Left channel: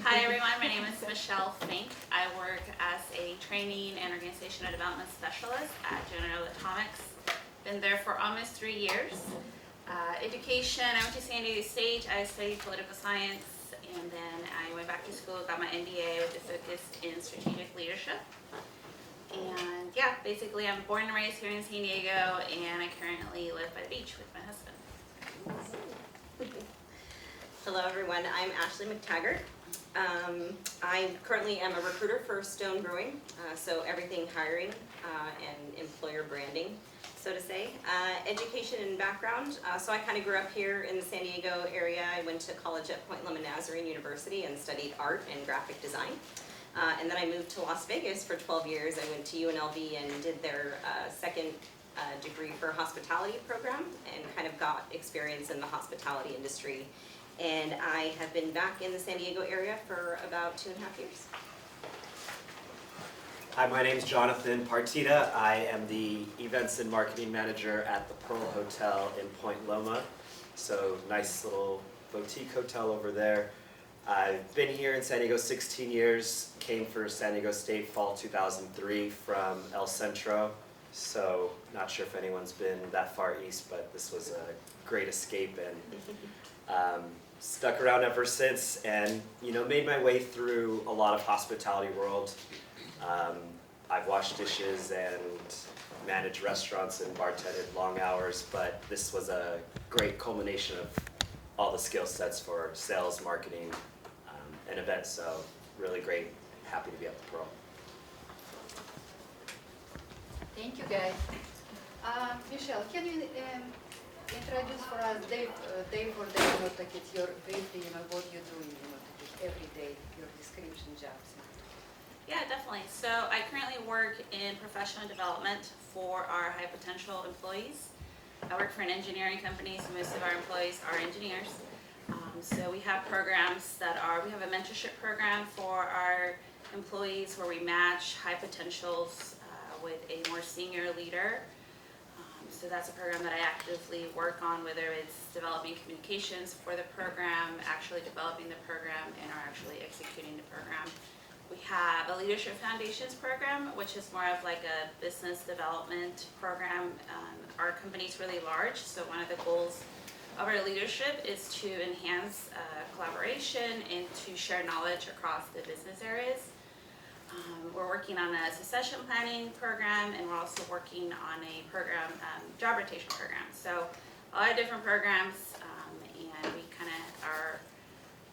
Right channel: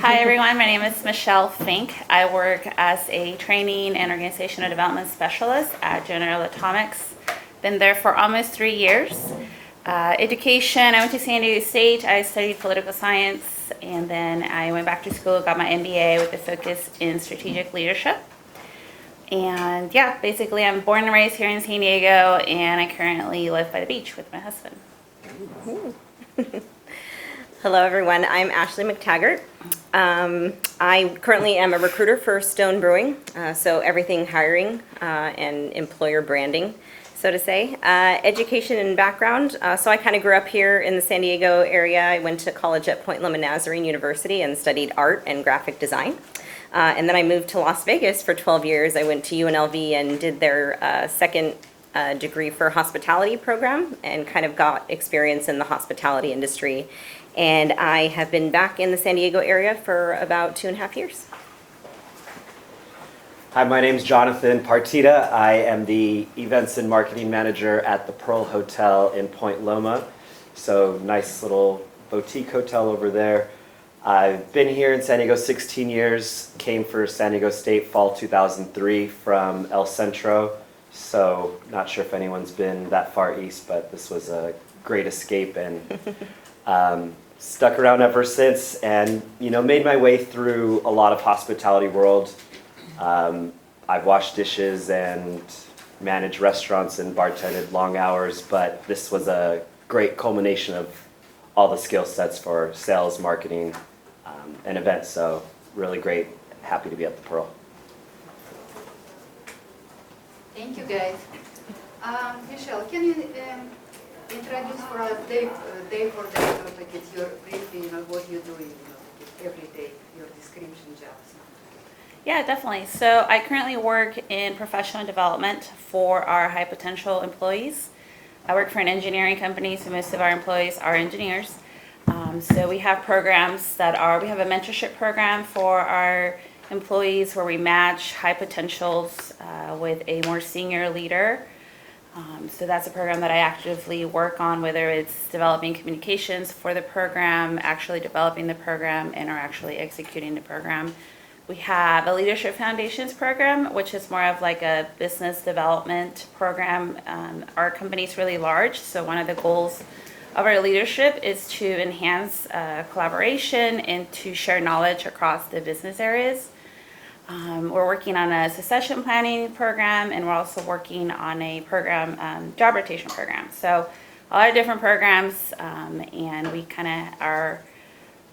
Hi everyone, my name is Michelle Fink. I work as a training and organizational development specialist at General Atomics. Been there for almost 3 years. Education, I went to San Diego State. I studied political science, and then I went back to school, got my MBA with a focus in strategic leadership. And yeah, basically I'm born and raised here in San Diego, and I currently live by the beach with my husband. Hello everyone, I'm Ashley McTaggart. I currently am a recruiter for Stone Brewing, so everything hiring and employer branding, so to say. Education and background, so I kind of grew up here in the San Diego area. I went to college at Point Loma Nazarene University and studied art and graphic design. And then I moved to Las Vegas for 12 years. I went to UNLV and did their second degree for hospitality program and kind of got experience in the hospitality industry. And I have been back in the San Diego area for about 2.5 years. Hi, my name is Jonathan Partita. I am the Events and Marketing Manager at the Pearl Hotel in Point Loma. So nice little boutique hotel over there. I've been here in San Diego 16 years, came for San Diego State fall 2003 from El Centro. So not sure if anyone's been that far east, but this was a great escape, and stuck around ever since, and made my way through a lot of hospitality world. I've washed dishes and managed restaurants and bartended long hours, but this was a great culmination of all the skill sets for sales, marketing, and events. So really great, happy to be at the Pearl. Thank you, guys. Michelle, can you introduce for us day for day, like it's your briefly, what you're doing, every day, your description jobs. Yeah, definitely. So I currently work in professional development for our high potential employees. I work for an engineering company, so most of our employees are engineers. So we have programs we have a mentorship program for our employees where we match high potentials with a more senior leader. So that's a program that I actively work on, whether it's developing communications for the program, actually developing the program, and or actually executing the program. We have a Leadership Foundations program, which is more of like a business development program. Our company's really large, so one of the goals of our leadership is to enhance collaboration and to share knowledge across the business areas. We're working on a succession planning program, and we're also working on a program, job rotation program. So a lot of different programs, and we kind of are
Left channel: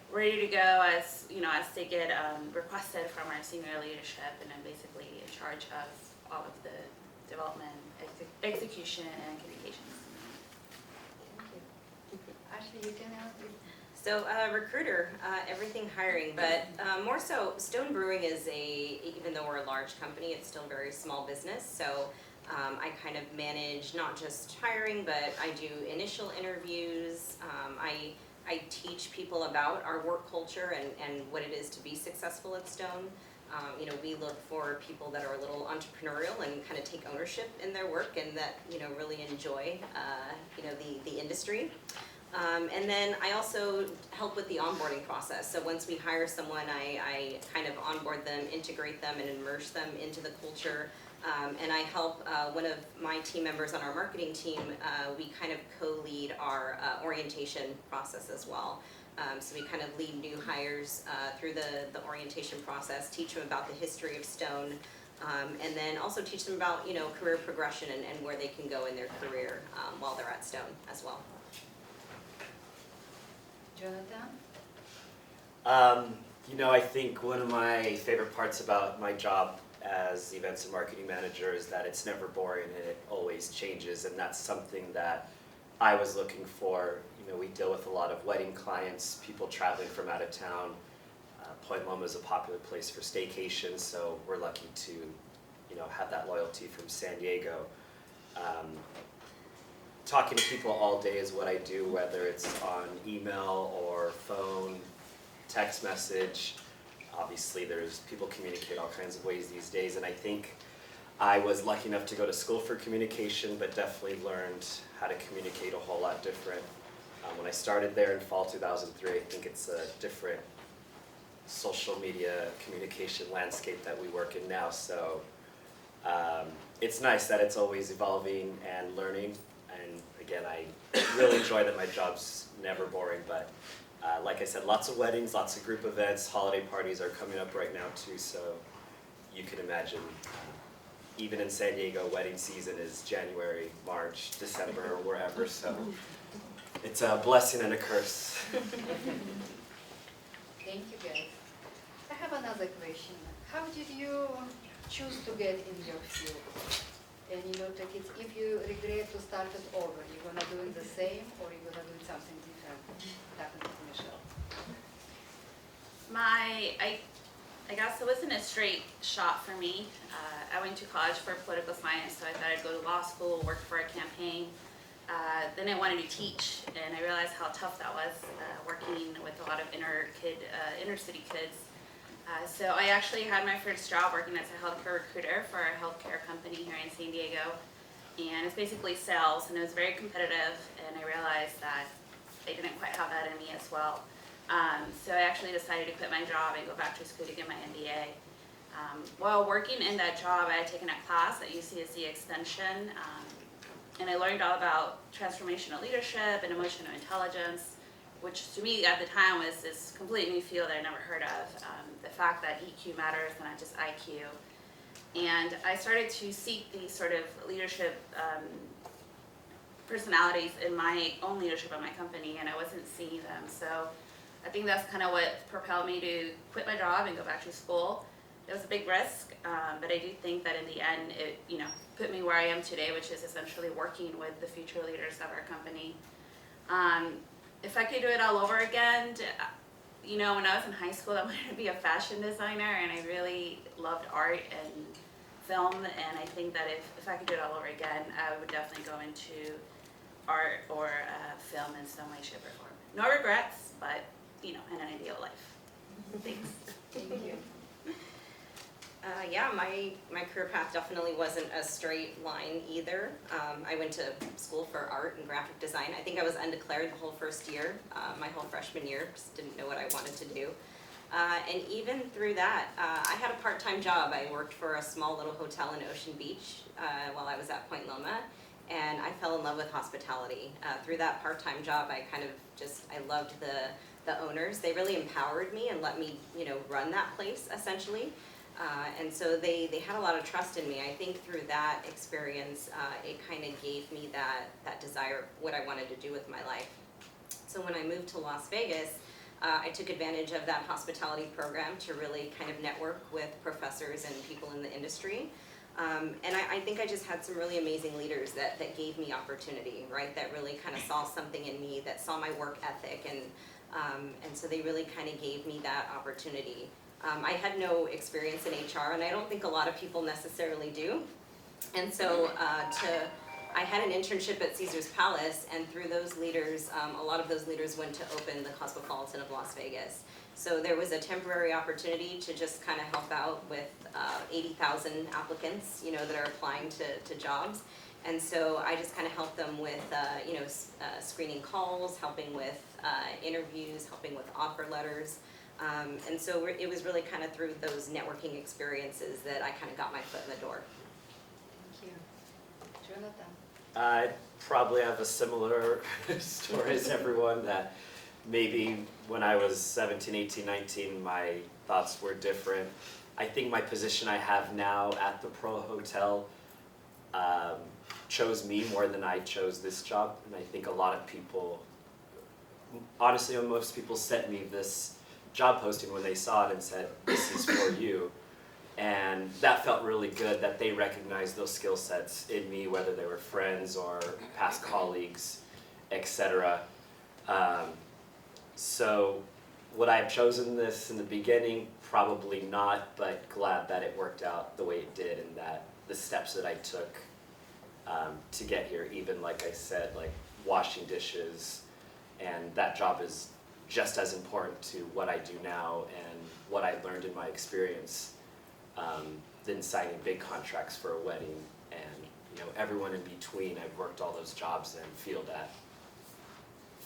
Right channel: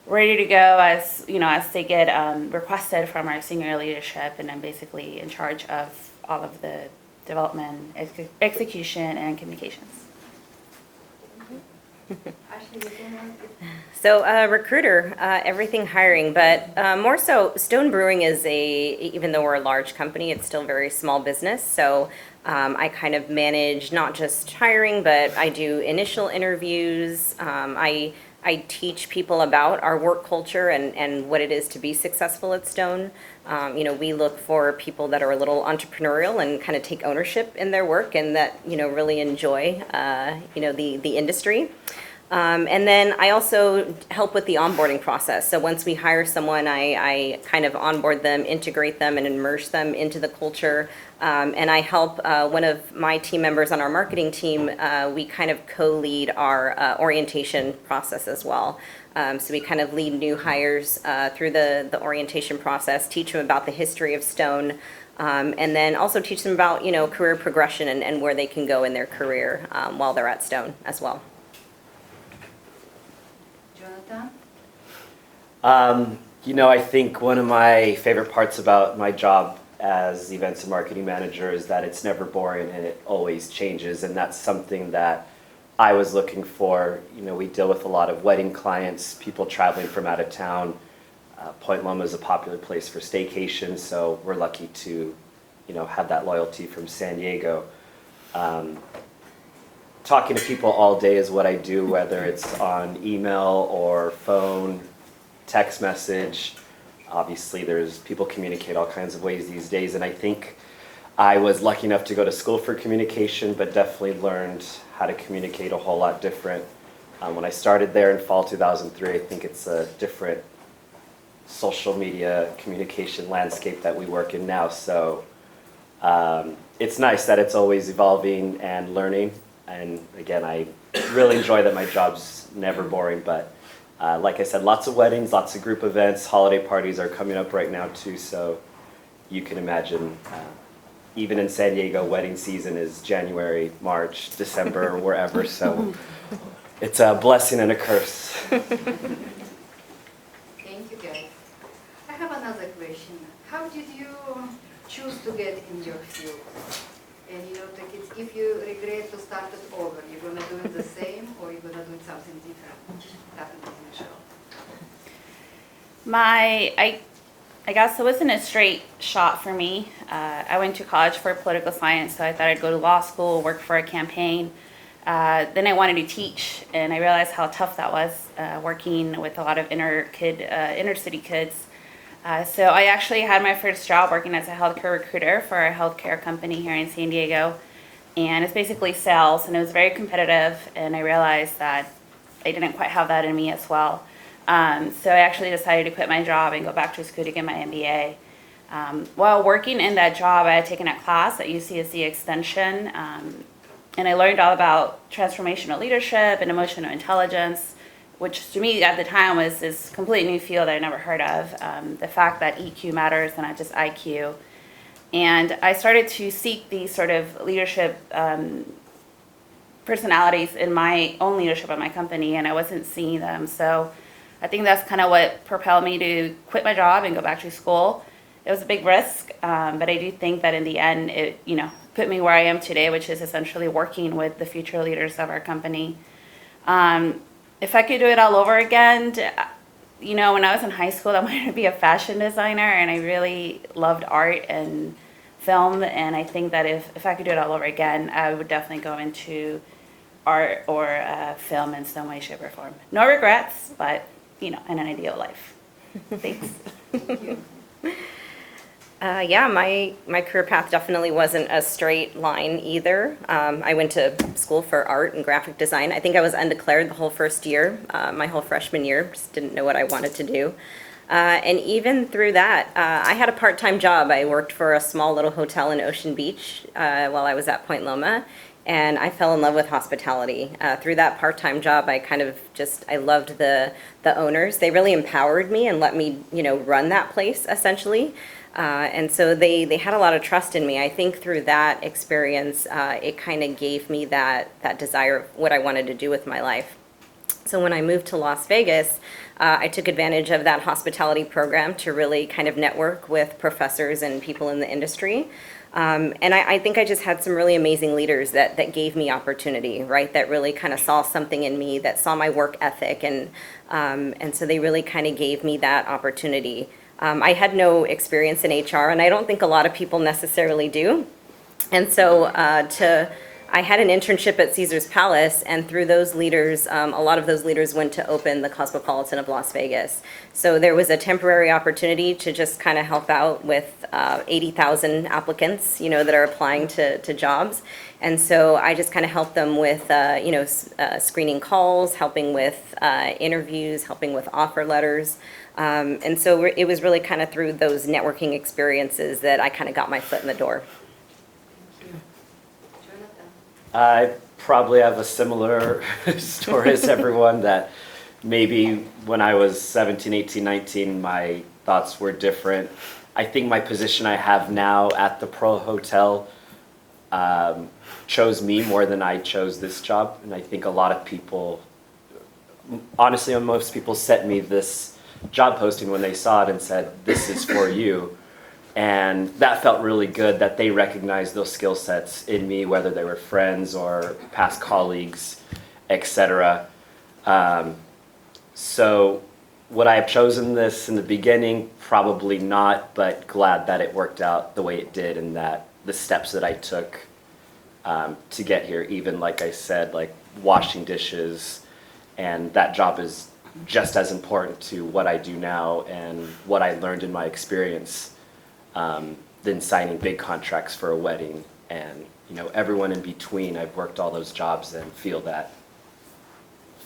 ready to go as they get requested from our senior leadership, and I'm basically in charge of all of the development, execution, and communications. So recruiter, everything hiring, but more so Stone Brewing is even though we're a large company, it's still a very small business. So I kind of manage not just hiring, but I do initial interviews. I teach people about our work culture and what it is to be successful at Stone. We look for people that are a little entrepreneurial and kind of take ownership in their work and that, really enjoy, the industry. And then I also help with the onboarding process. So once we hire someone, I kind of onboard them, integrate them, and immerse them into the culture. And I help one of my team members on our marketing team, we kind of co-lead our orientation process as well. So we kind of lead new hires through the orientation process, teach them about the history of Stone, and then also teach them about, career progression and where they can go in their career while they're at Stone as well. Jonathan? I think one of my favorite parts about my job as events and marketing manager is that it's never boring and it always changes, and that's something that I was looking for. We deal with a lot of wedding clients, people traveling from out of town. Point Loma is a popular place for staycation, so we're lucky to, have that loyalty from San Diego. Talking to people all day is what I do, whether it's on email or phone, text message. Obviously, people communicate all kinds of ways these days, and I think I was lucky enough to go to school for communication, but definitely learned how to communicate a whole lot different. When I started there in fall 2003, I think it's a different social media communication landscape that we work in now. So it's nice that it's always evolving and learning. And again, I really enjoy that my job's never boring. But like I said, lots of weddings, lots of group events, holiday parties are coming up right now too. So you can imagine, even in San Diego, wedding season is January, March, December, or wherever. So it's a blessing and a curse. Thank you, guys. I have another question. How did you choose to get in your field? And like if you regret to start it over, you're gonna do it the same, or you're gonna do something different? Happened with Michelle. I guess it wasn't a straight shot for me. I went to college for political science, so I thought I'd go to law school, work for a campaign. Then I wanted to teach, and I realized how tough that was, working with a lot of inner city kids. So I actually had my first job working as a healthcare recruiter for a healthcare company here in San Diego. And it's basically sales, and it was very competitive, and I realized that I didn't quite have that in me as well. So I actually decided to quit my job and go back to school to get my MBA. While working in that job, I had taken a class at UCSD Extension, and I learned all about transformational leadership and emotional intelligence, which to me at the time was this completely new field I never heard of. The fact that EQ matters and not just IQ. And I started to seek these sort of leadership personalities in my own leadership at my company, and I wasn't seeing them. So I think that's kind of what propelled me to quit my job and go back to school. It was a big risk, but I do think that in the end, it put me where I am today, which is essentially working with the future leaders of our company. If I could do it all over again, when I was in high school, I wanted to be a fashion designer, and I really loved art and film, and I think that if I could do it all over again, I would definitely go into art or film in some way, shape, or form. No regrets, but in an ideal life. Thanks. Thank you. Yeah, my career path definitely wasn't a straight line either. I went to school for art and graphic design. I think I was undeclared the whole first year, my whole freshman year, just didn't know what I wanted to do. And even through that, I had a part-time job. I worked for a small little hotel in Ocean Beach while I was at Point Loma, and I fell in love with hospitality. Through that part-time job, I loved the owners. They really empowered me and let me, run that place essentially. And so they had a lot of trust in me. I think through that experience, it kind of gave me that desire of what I wanted to do with my life. So when I moved to Las Vegas, I took advantage of that hospitality program to really kind of network with professors and people in the industry. And I think I just had some really amazing leaders that gave me opportunity, right? That really kind of saw something in me, that saw my work ethic, and so they really kind of gave me that opportunity. I had no experience in HR, and I don't think a lot of people necessarily do. And so I had an internship at Caesar's Palace, and through those leaders, a lot of those leaders went to open the Cosmopolitan of Las Vegas. So there was a temporary opportunity to just kind of help out with 80,000 applicants, that are applying to jobs. And so I just kind of helped them with, screening calls, helping with interviews, helping with offer letters. And so it was really kind of through those networking experiences that I kind of got my foot in the door. Jonathan. I probably have a similar story as everyone, that maybe when I was 17, 18, 19, my thoughts were different. I think my position I have now at the Pearl Hotel chose me more than I chose this job. And I think a lot of people, honestly, most people sent me this job posting when they saw it and said, "This is for you." And that felt really good, that they recognized those skill sets in me, whether they were friends or past colleagues, etc. So would I have chosen this in the beginning? Probably not, but glad that it worked out the way it did, and that the steps that I took to get here, even like I said, like washing dishes, and that job is just as important to what I do now and what I learned in my experience than signing big contracts for a wedding. And everyone in between, I've worked all those jobs and feel that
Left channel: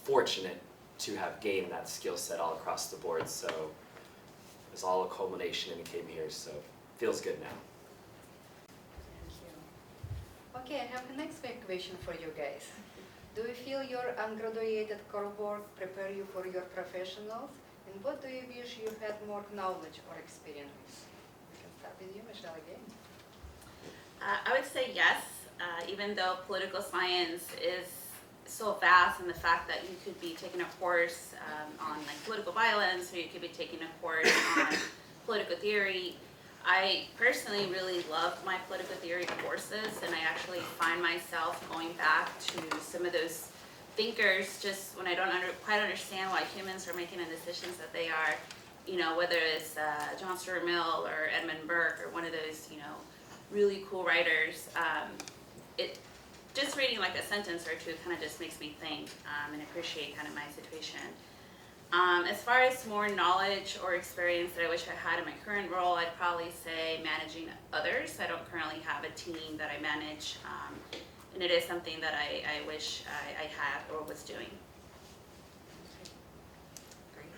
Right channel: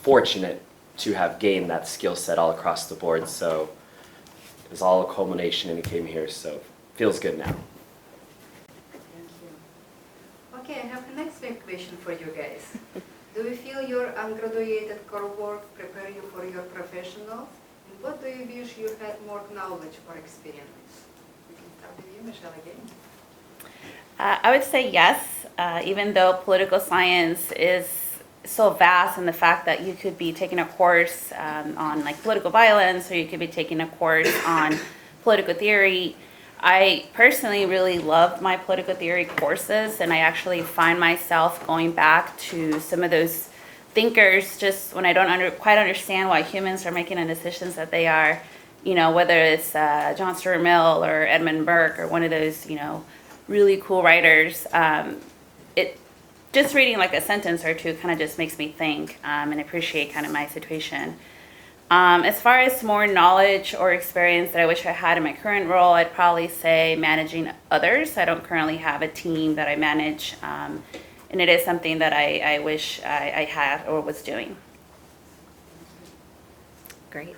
fortunate to have gained that skill set all across the board. So was all a culmination and it came here, so feels good now. Thank you. Okay, I have the next big question for you guys. Do you feel your ungraduated core work prepare you for your professionals? And what do you wish you had more knowledge or experience? We can start with you, Michelle, again. I would say yes, even though political science is so vast, and the fact that you could be taking a course on like political violence, or you could be taking a course on political theory. I personally really love my political theory courses, and I actually find myself going back to some of those thinkers just when I don't quite understand why humans are making the decisions that they are, you know, whether it's John Stuart Mill or Edmund Burke or one of those, you know, really cool writers. It just reading like a sentence or two kind of just makes me think and appreciate kind of my situation. As far as more knowledge or experience that I wish I had in my current role, I'd probably say managing others. I don't currently have a team that I manage, and it is something that I wish I had or was doing. Great.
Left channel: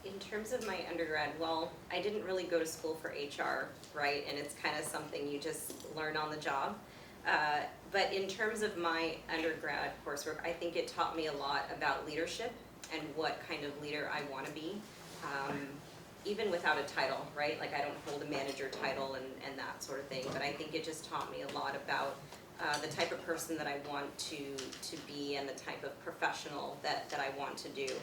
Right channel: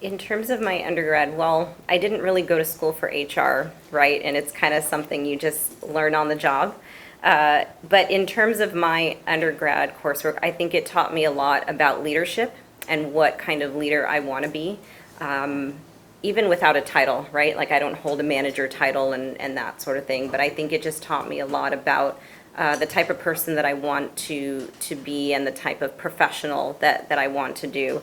In terms of my undergrad, well, I didn't really go to school for HR, right? And it's kind of something you just learn on the job. But in terms of my undergrad coursework, I think it taught me a lot about leadership and what kind of leader I want to be, even without a title, right? Like I don't hold a manager title and that sort of thing, but I think it just taught me a lot about the type of person that I want to be and the type of professional that I want to do.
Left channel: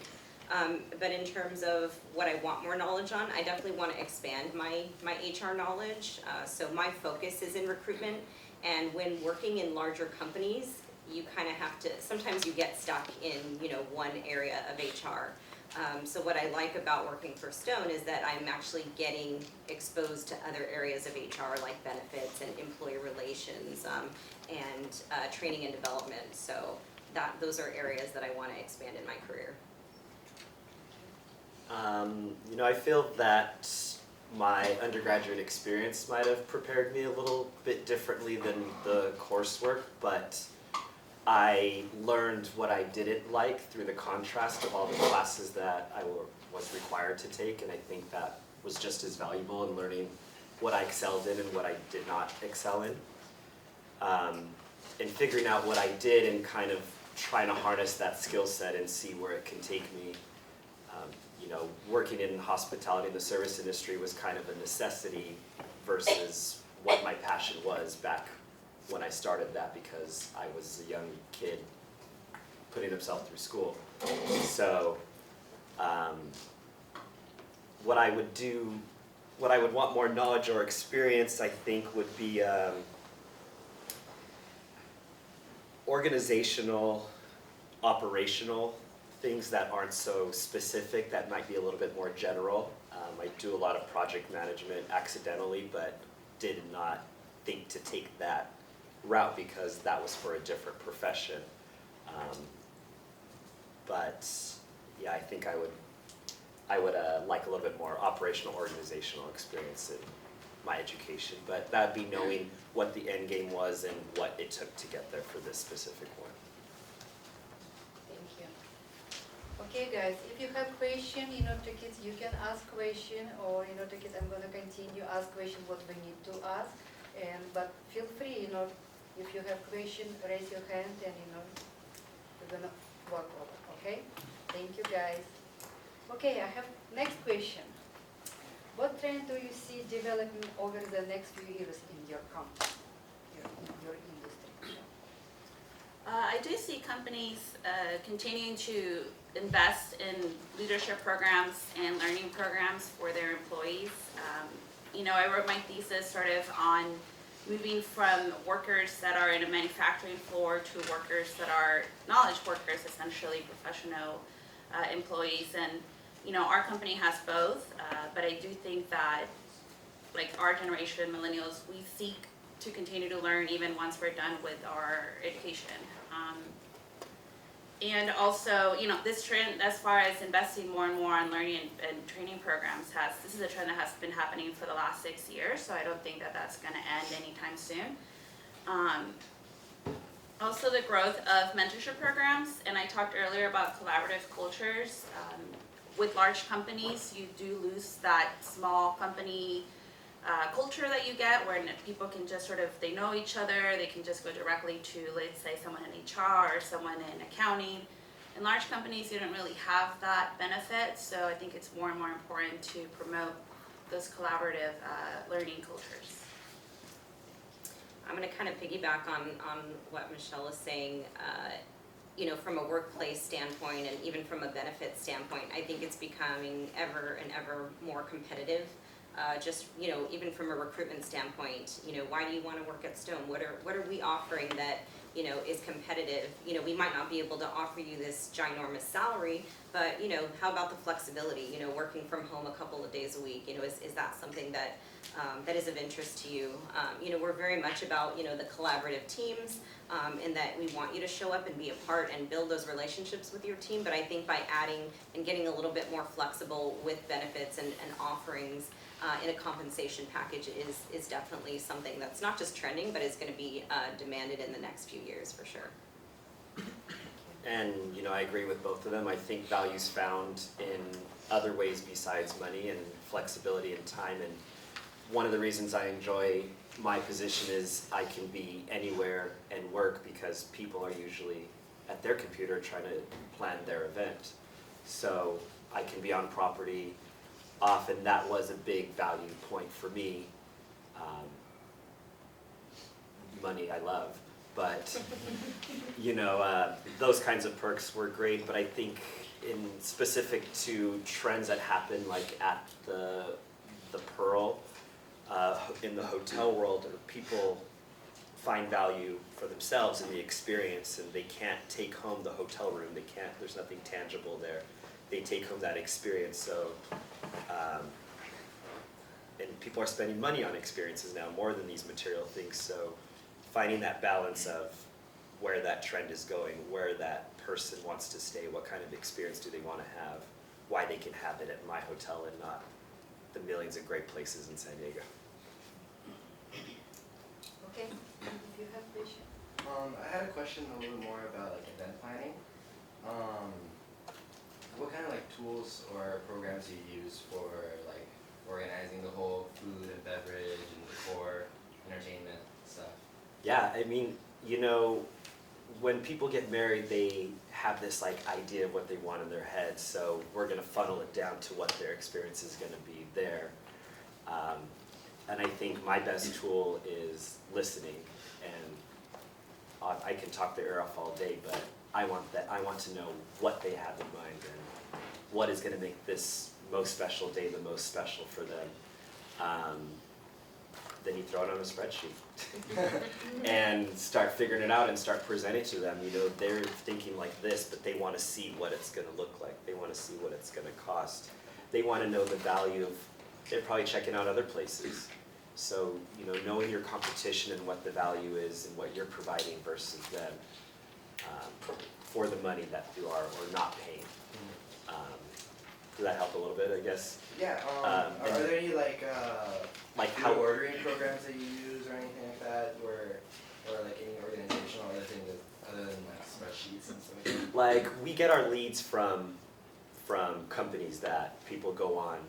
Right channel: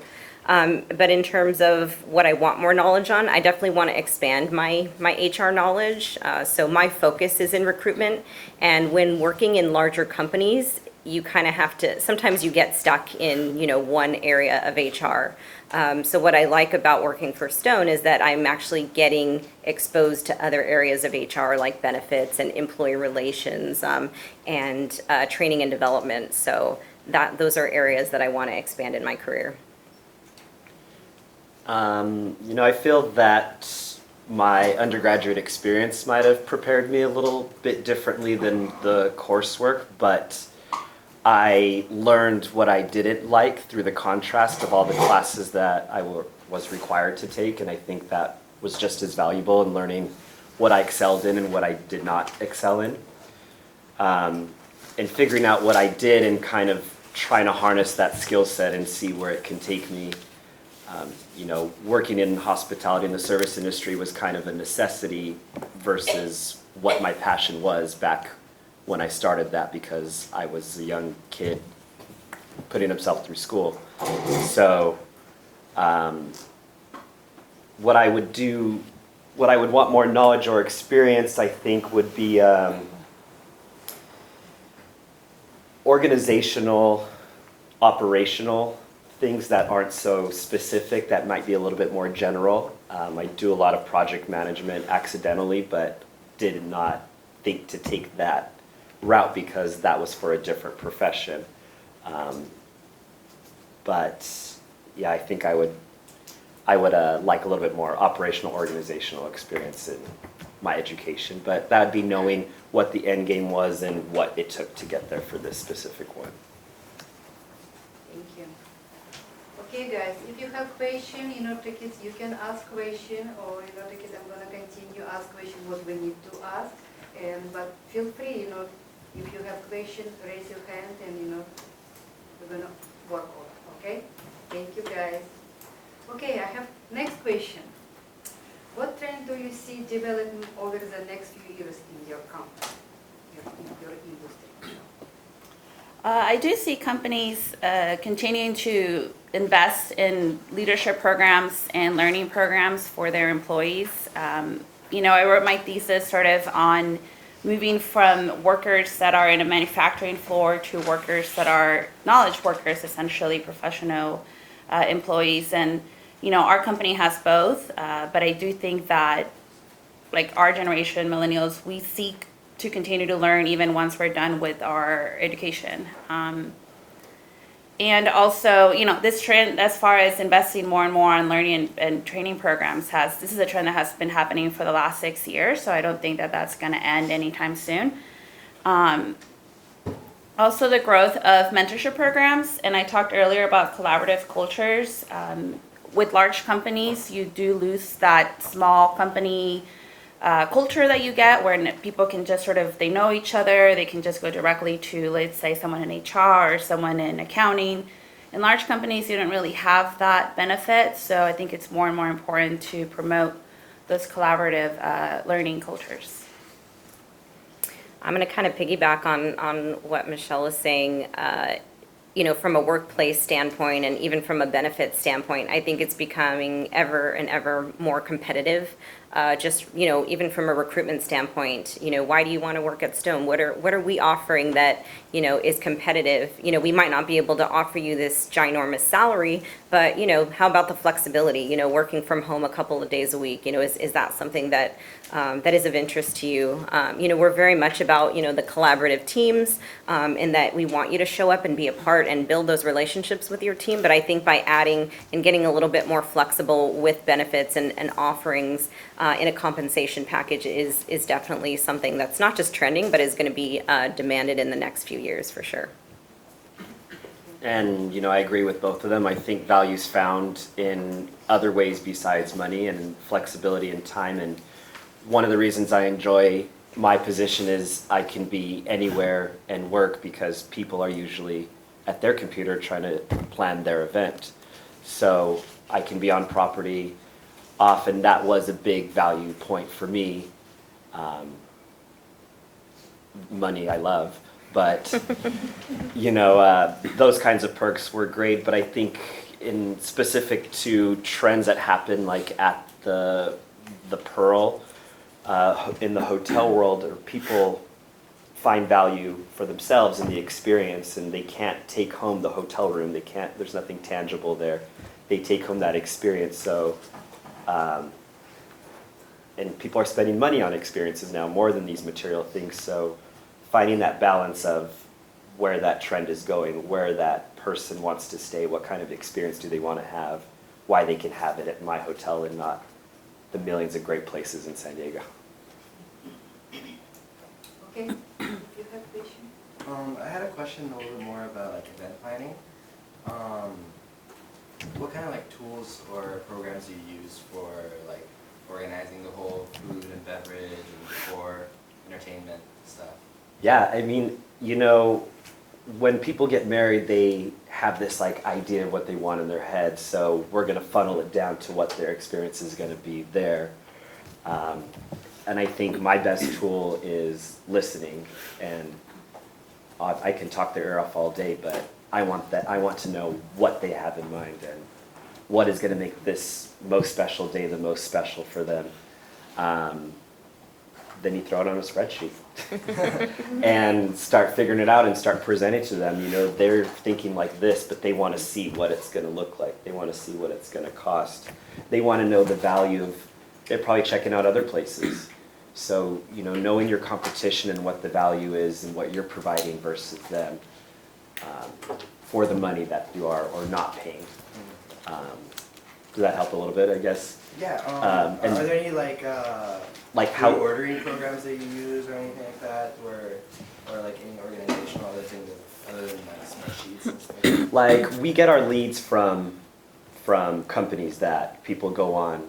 But in terms of what I want more knowledge on, I definitely want to expand my HR knowledge. So my focus is in recruitment. And when working in larger companies, you kind of have to, sometimes you get stuck in, you know, one area of HR. So what I like about working for Stone is that I'm actually getting exposed to other areas of HR like benefits and employee relations and training and development. So those are areas that I want to expand in my career. You know, I feel that my undergraduate experience might have prepared me a little bit differently than the coursework, but I learned what I didn't like through the contrast of all the classes that I was required to take, and I think that was just as valuable in learning what I excelled in and what I did not excel in. And figuring out what I did and kind of trying to harness that skill set and see where it can take me. You know, working in hospitality in the service industry was kind of a necessity versus what my passion was back when I started that, because I was a young kid putting himself through school. So what I would want more knowledge or experience, I think, would be organizational, operational things that aren't so specific, that might be a little bit more general. I do a lot of project management accidentally, but did not think to take that route because that was for a different profession. But yeah, I think I would like a little bit more operational, organizational experience in my education, but that would be knowing what the end game was and what it took to get there for this specific one. Thank you. Okay, guys, if you have question, tickets, you can ask question, or tickets, I'm gonna continue ask question what we need to ask, but feel free, if you have question, raise your hand, and we're gonna work on it. Okay? Thank you, guys. Okay, I have next question. What trend do you see developing over the next few years in your company, in your industry? I do see companies continuing to invest in leadership programs and learning programs for their employees. I wrote my thesis sort of on moving from workers that are in a manufacturing floor to workers that are knowledge workers, essentially professional employees. And, our company has both, but I do think that, like our generation, millennials, we seek to continue to learn even once we're done with our education. And also, this trend as far as investing more and more on learning and training programs this is a trend that has been happening for the last 6 years, so I don't think that that's going to end anytime soon. Also the growth of mentorship programs, and I talked earlier about collaborative cultures. with large companies, you do lose that small company culture that you get where people can just sort of, they know each other, they can just go directly to, let's say, someone in HR or someone in accounting. In large companies, you don't really have that benefit, so I think it's more and more important to promote those collaborative learning cultures. I'm going to kind of piggyback on what Michelle is saying. From a workplace standpoint and even from a benefit standpoint, I think it's becoming ever and ever more competitive. Even from a recruitment standpoint, why do you want to work at Stone? What are we offering that, is competitive? We might not be able to offer you this ginormous salary, but, how about the flexibility, working from home a couple of days a week? Is that something that is of interest to you? We're very much about, the collaborative teams, in that we want you to show up and be a part and build those relationships with your team. But I think by adding and getting a little bit more flexible with benefits and offerings in a compensation package is definitely something that's not just trending, but is going to be demanded in the next few years for sure. And, I agree with both of them. I think value's found in other ways besides money and flexibility and time. And one of the reasons I enjoy my position is I can be anywhere and work because people are usually at their computer trying to plan their event. So I can be on property. Often that was a big value point for me. Money I love, but those kinds of perks were great. But I think in specific to trends that happen like at the Pearl, in the hotel world, or people find value for themselves in the experience, and they can't take home the hotel room. They can't. There's nothing tangible there. They take home that experience. So, and people are spending money on experiences now more than these material things. So, finding that balance of where that trend is going, where that person wants to stay, what kind of experience do they want to have, why they can have it at my hotel and not the millions of great places in San Diego. Okay, you have a question? I had a question a little bit more about like event planning. What kind of like tools or programs do you use for like organizing the whole food and beverage and decor, entertainment stuff? Yeah, I mean, when people get married, they have this like idea of what they want in their head. So we're going to funnel it down to what their experience is going to be there. And I think my best tool is listening. And I can talk their ear off all day, but I want to know what they have in mind and what is going to make this most special day the most special for them. Then you throw it on a spreadsheet and start figuring it out and start presenting to them. They're thinking like this, but they want to see what it's going to look like. They want to see what it's going to cost. They want to know the value of, they're probably checking out other places. So, knowing your competition and what the value is and what you're providing versus them for the money that you are or not paying. Does that help a little bit, I guess? Yeah. Are there any like how ordering programs that you use or anything like that, or like any organizational other things other than like spreadsheets and stuff? Like we get our leads from companies that people go on,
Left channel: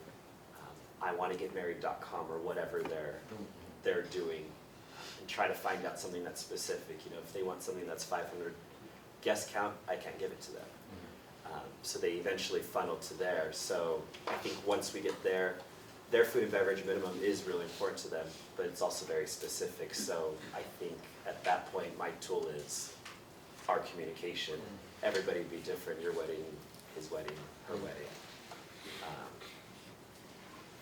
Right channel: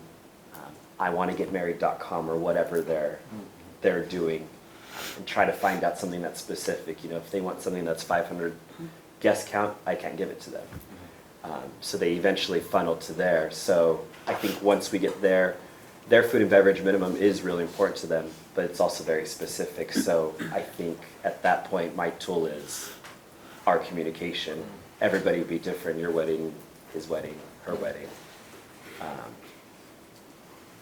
iwantogetmarried.com or whatever they're doing, and try to find out something that's specific. If they want something that's 500 guest count, I can't give it to them. So they eventually funnel to there. So I think once we get there, their food and beverage minimum is really important to them, but it's also very specific. So I think at that point, my tool is our communication. Everybody would be different. Your wedding, his wedding, her wedding.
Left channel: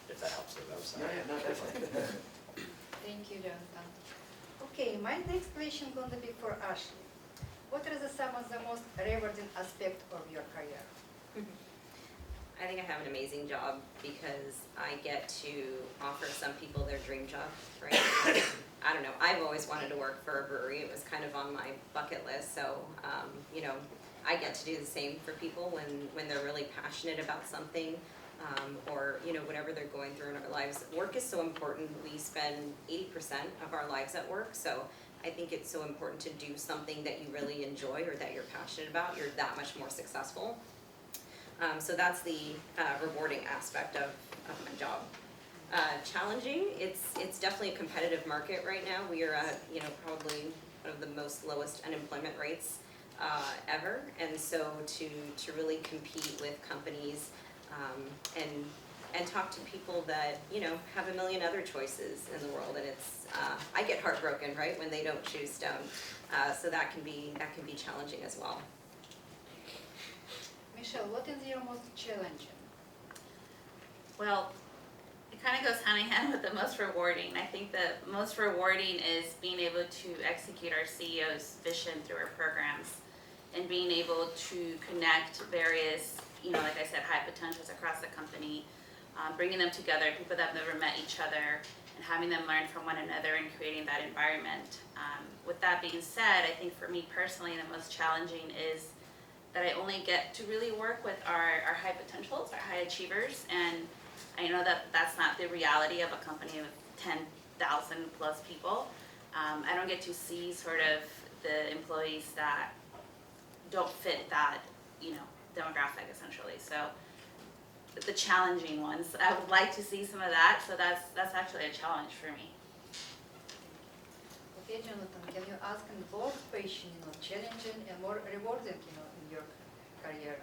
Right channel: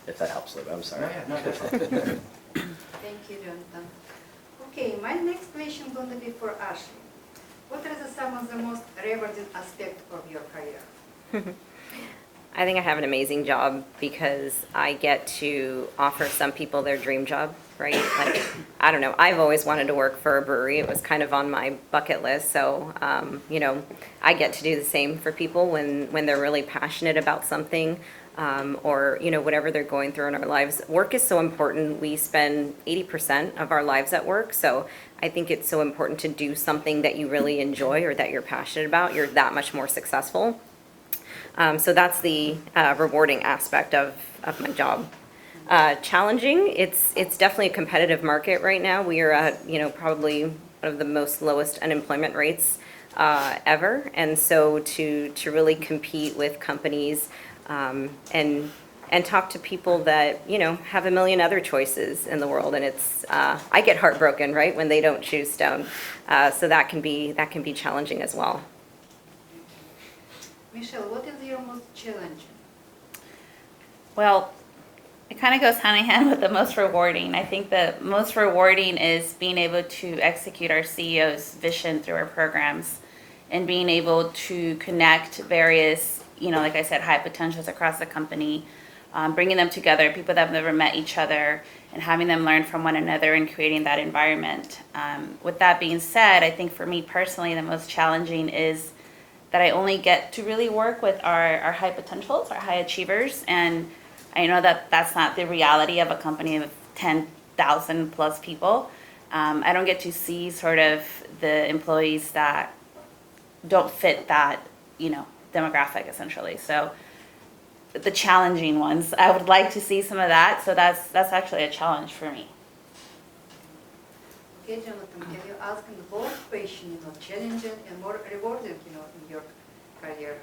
If that helps a little bit, I'm sorry. No, that's fine. Thank you, Jonathan. Okay, my next question is going to be for Ashley. What are some of the most rewarding aspects of your career? I think I have an amazing job because I get to offer some people their dream job, right? Like, I don't know, I've always wanted to work for a brewery. It was kind of on my bucket list. So, I get to do the same for people when they're really passionate about something. Or whatever they're going through in our lives. Work is so important. We spend 80% of our lives at work, so I think it's so important to do something that you really enjoy or that you're passionate about. You're that much more successful. So that's the rewarding aspect of my job. Challenging, it's definitely a competitive market right now. We are at, probably one of the most lowest unemployment rates ever. And so to really compete with companies and talk to people that, have a million other choices in the world. And it's, I get heartbroken, right, when they don't choose Stone. So that can be challenging as well. Michelle, what is your most challenging? Well, it kind of goes hand in hand with the most rewarding. I think the most rewarding is being able to execute our CEO's vision through our programs and being able to connect various, like I said, high potentials across the company, bringing them together, people that have never met each other, and having them learn from one another and creating that environment. With that being said, I think for me personally, the most challenging is that I only get to really work with our high potentials, our high achievers, and I know that that's not the reality of a company of 10,000 plus people. I don't get to see sort of the employees that don't fit that, demographic essentially. So the challenging ones, I would like to see some of that. So that's actually a challenge for me. Okay, Jonathan, can you ask in both question, challenging and more rewarding, in your career?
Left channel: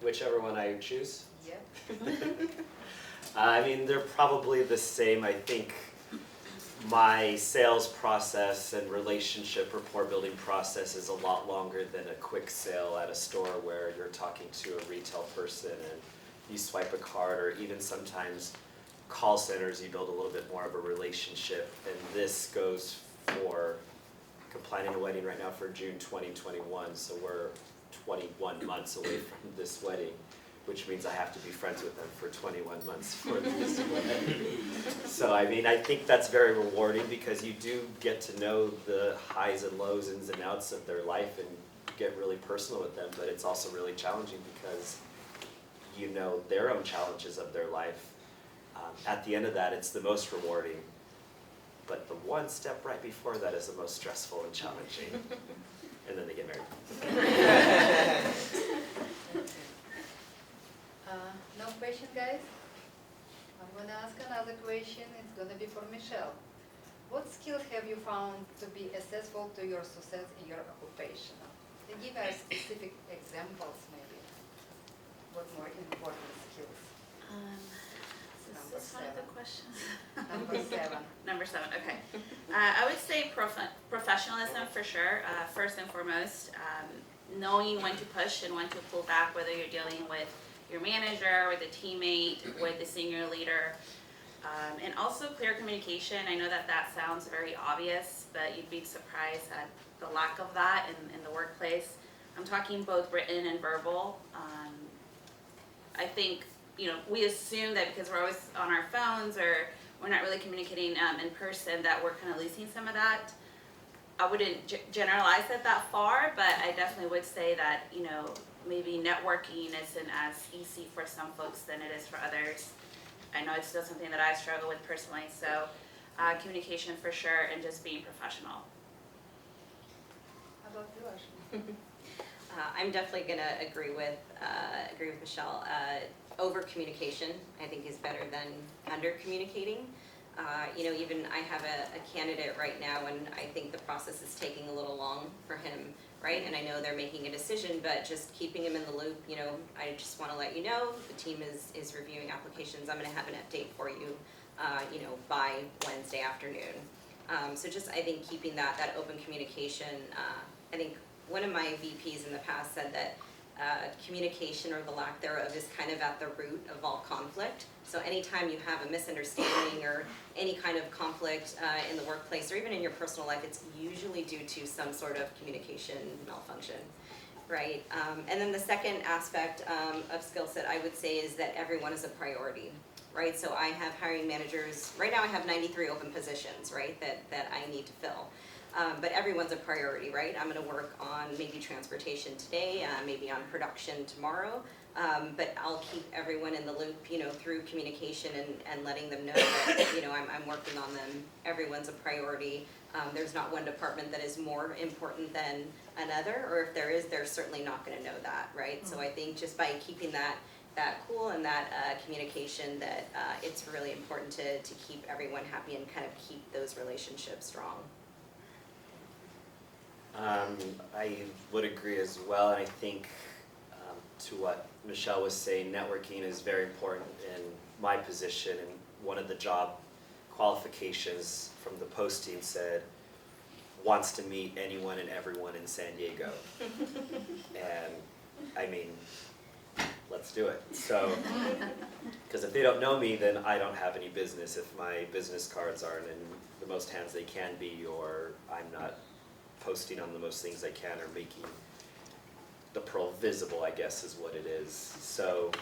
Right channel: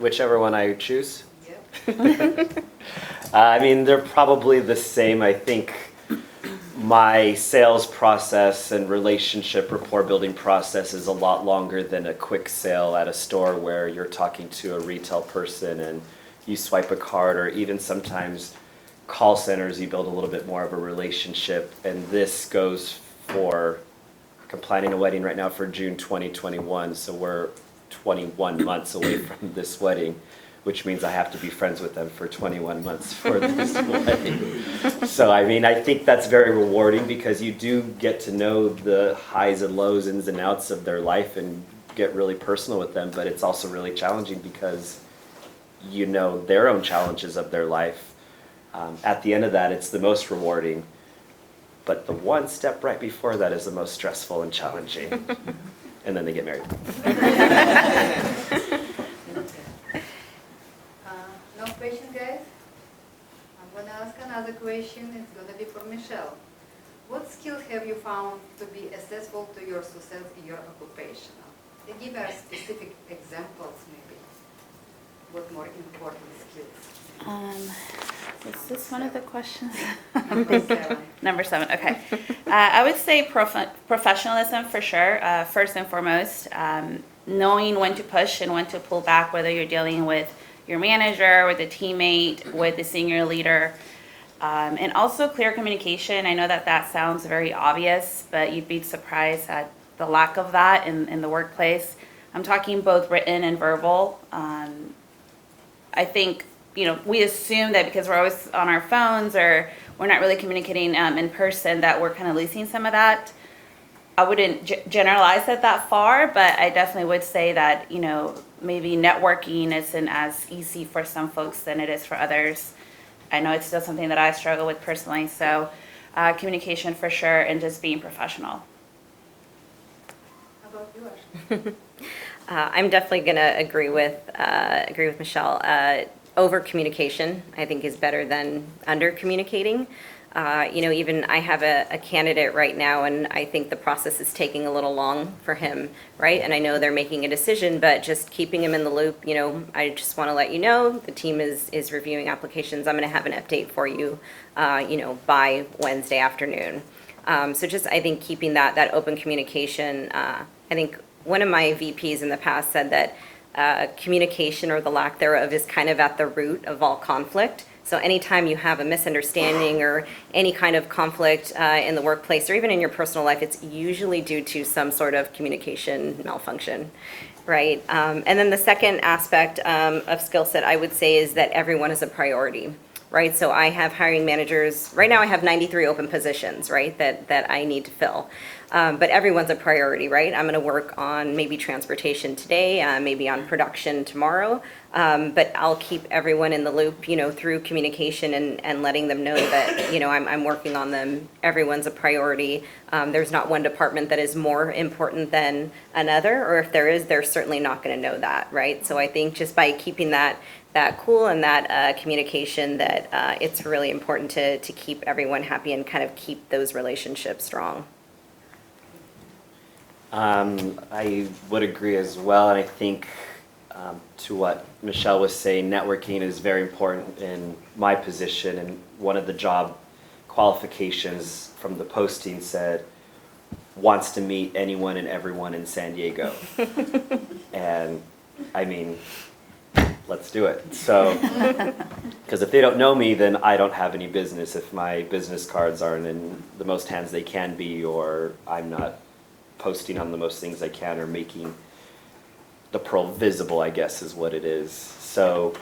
Whichever one I choose. Yeah. I mean, they're probably the same. I think my sales process and relationship rapport building process is a lot longer than a quick sale at a store where you're talking to a retail person and you swipe a card, or even sometimes call centers, you build a little bit more of a relationship. And this goes for, I'm planning a wedding right now for June 2021, so we're 21 months away from this wedding, which means I have to be friends with them for 21 months for this wedding. So I mean, I think that's very rewarding because you do get to know the highs and lows, ins and outs of their life and get really personal with them, but it's also really challenging because you know their own challenges of their life. At the end of that, it's the most rewarding, but the one step right before that is the most stressful and challenging. And then they get married. No question, guys? I'm going to ask another question. It's going to be for Michelle. What skills have you found to be essential to your success in your occupation? Can you give us specific examples, maybe? What more important skills? Is this one of the questions? Number 7. Number 7, okay. I would say professionalism for sure, first and foremost. Knowing when to push and when to pull back, whether you're dealing with your manager, with a teammate, with the senior leader. And also clear communication. I know that sounds very obvious, but you'd be surprised at the lack of that in the workplace. I'm talking both written and verbal. I think, we assume that because we're always on our phones or we're not really communicating in person that we're kind of losing some of that. I wouldn't generalize it that far, but I definitely would say that, maybe networking isn't as easy for some folks than it is for others. I know it's still something that I struggle with personally, so communication for sure and just being professional. How about you, Ashley? I'm definitely going to agree with Michelle. Over communication, I think, is better than under communicating. Even I have a candidate right now, and I think the process is taking a little long for him, right? And I know they're making a decision, but just keeping him in the loop, I just want to let you know the team is reviewing applications. I'm going to have an update for you, by Wednesday afternoon. So just, I think, keeping that open communication. I think one of my VPs in the past said that communication, or the lack thereof, is kind of at the root of all conflict. So anytime you have a misunderstanding or any kind of conflict in the workplace or even in your personal life, it's usually due to some sort of communication malfunction, right? And then the second aspect of skill set, I would say, is that everyone is a priority, right? So I have hiring managers. Right now I have 93 open positions, right, that I need to fill. But everyone's a priority, right? I'm going to work on maybe transportation today, maybe on production tomorrow. But I'll keep everyone in the loop, through communication and letting them know that, I'm working on them. Everyone's a priority. There's not one department that is more important than another, or if there is, they're certainly not going to know that, right? So I think just by keeping that cool and that communication, that it's really important to keep everyone happy and kind of keep those relationships strong. I would agree as well, and I think to what Michelle was saying, networking is very important in my position, and one of the job qualifications from the posting said, wants to meet anyone and everyone in San Diego. And I mean, let's do it. So, because if they don't know me, then I don't have any business if my business cards aren't in the most hands they can be, or I'm not posting on the most things I can, or making the Pearl visible, I guess is what it is. So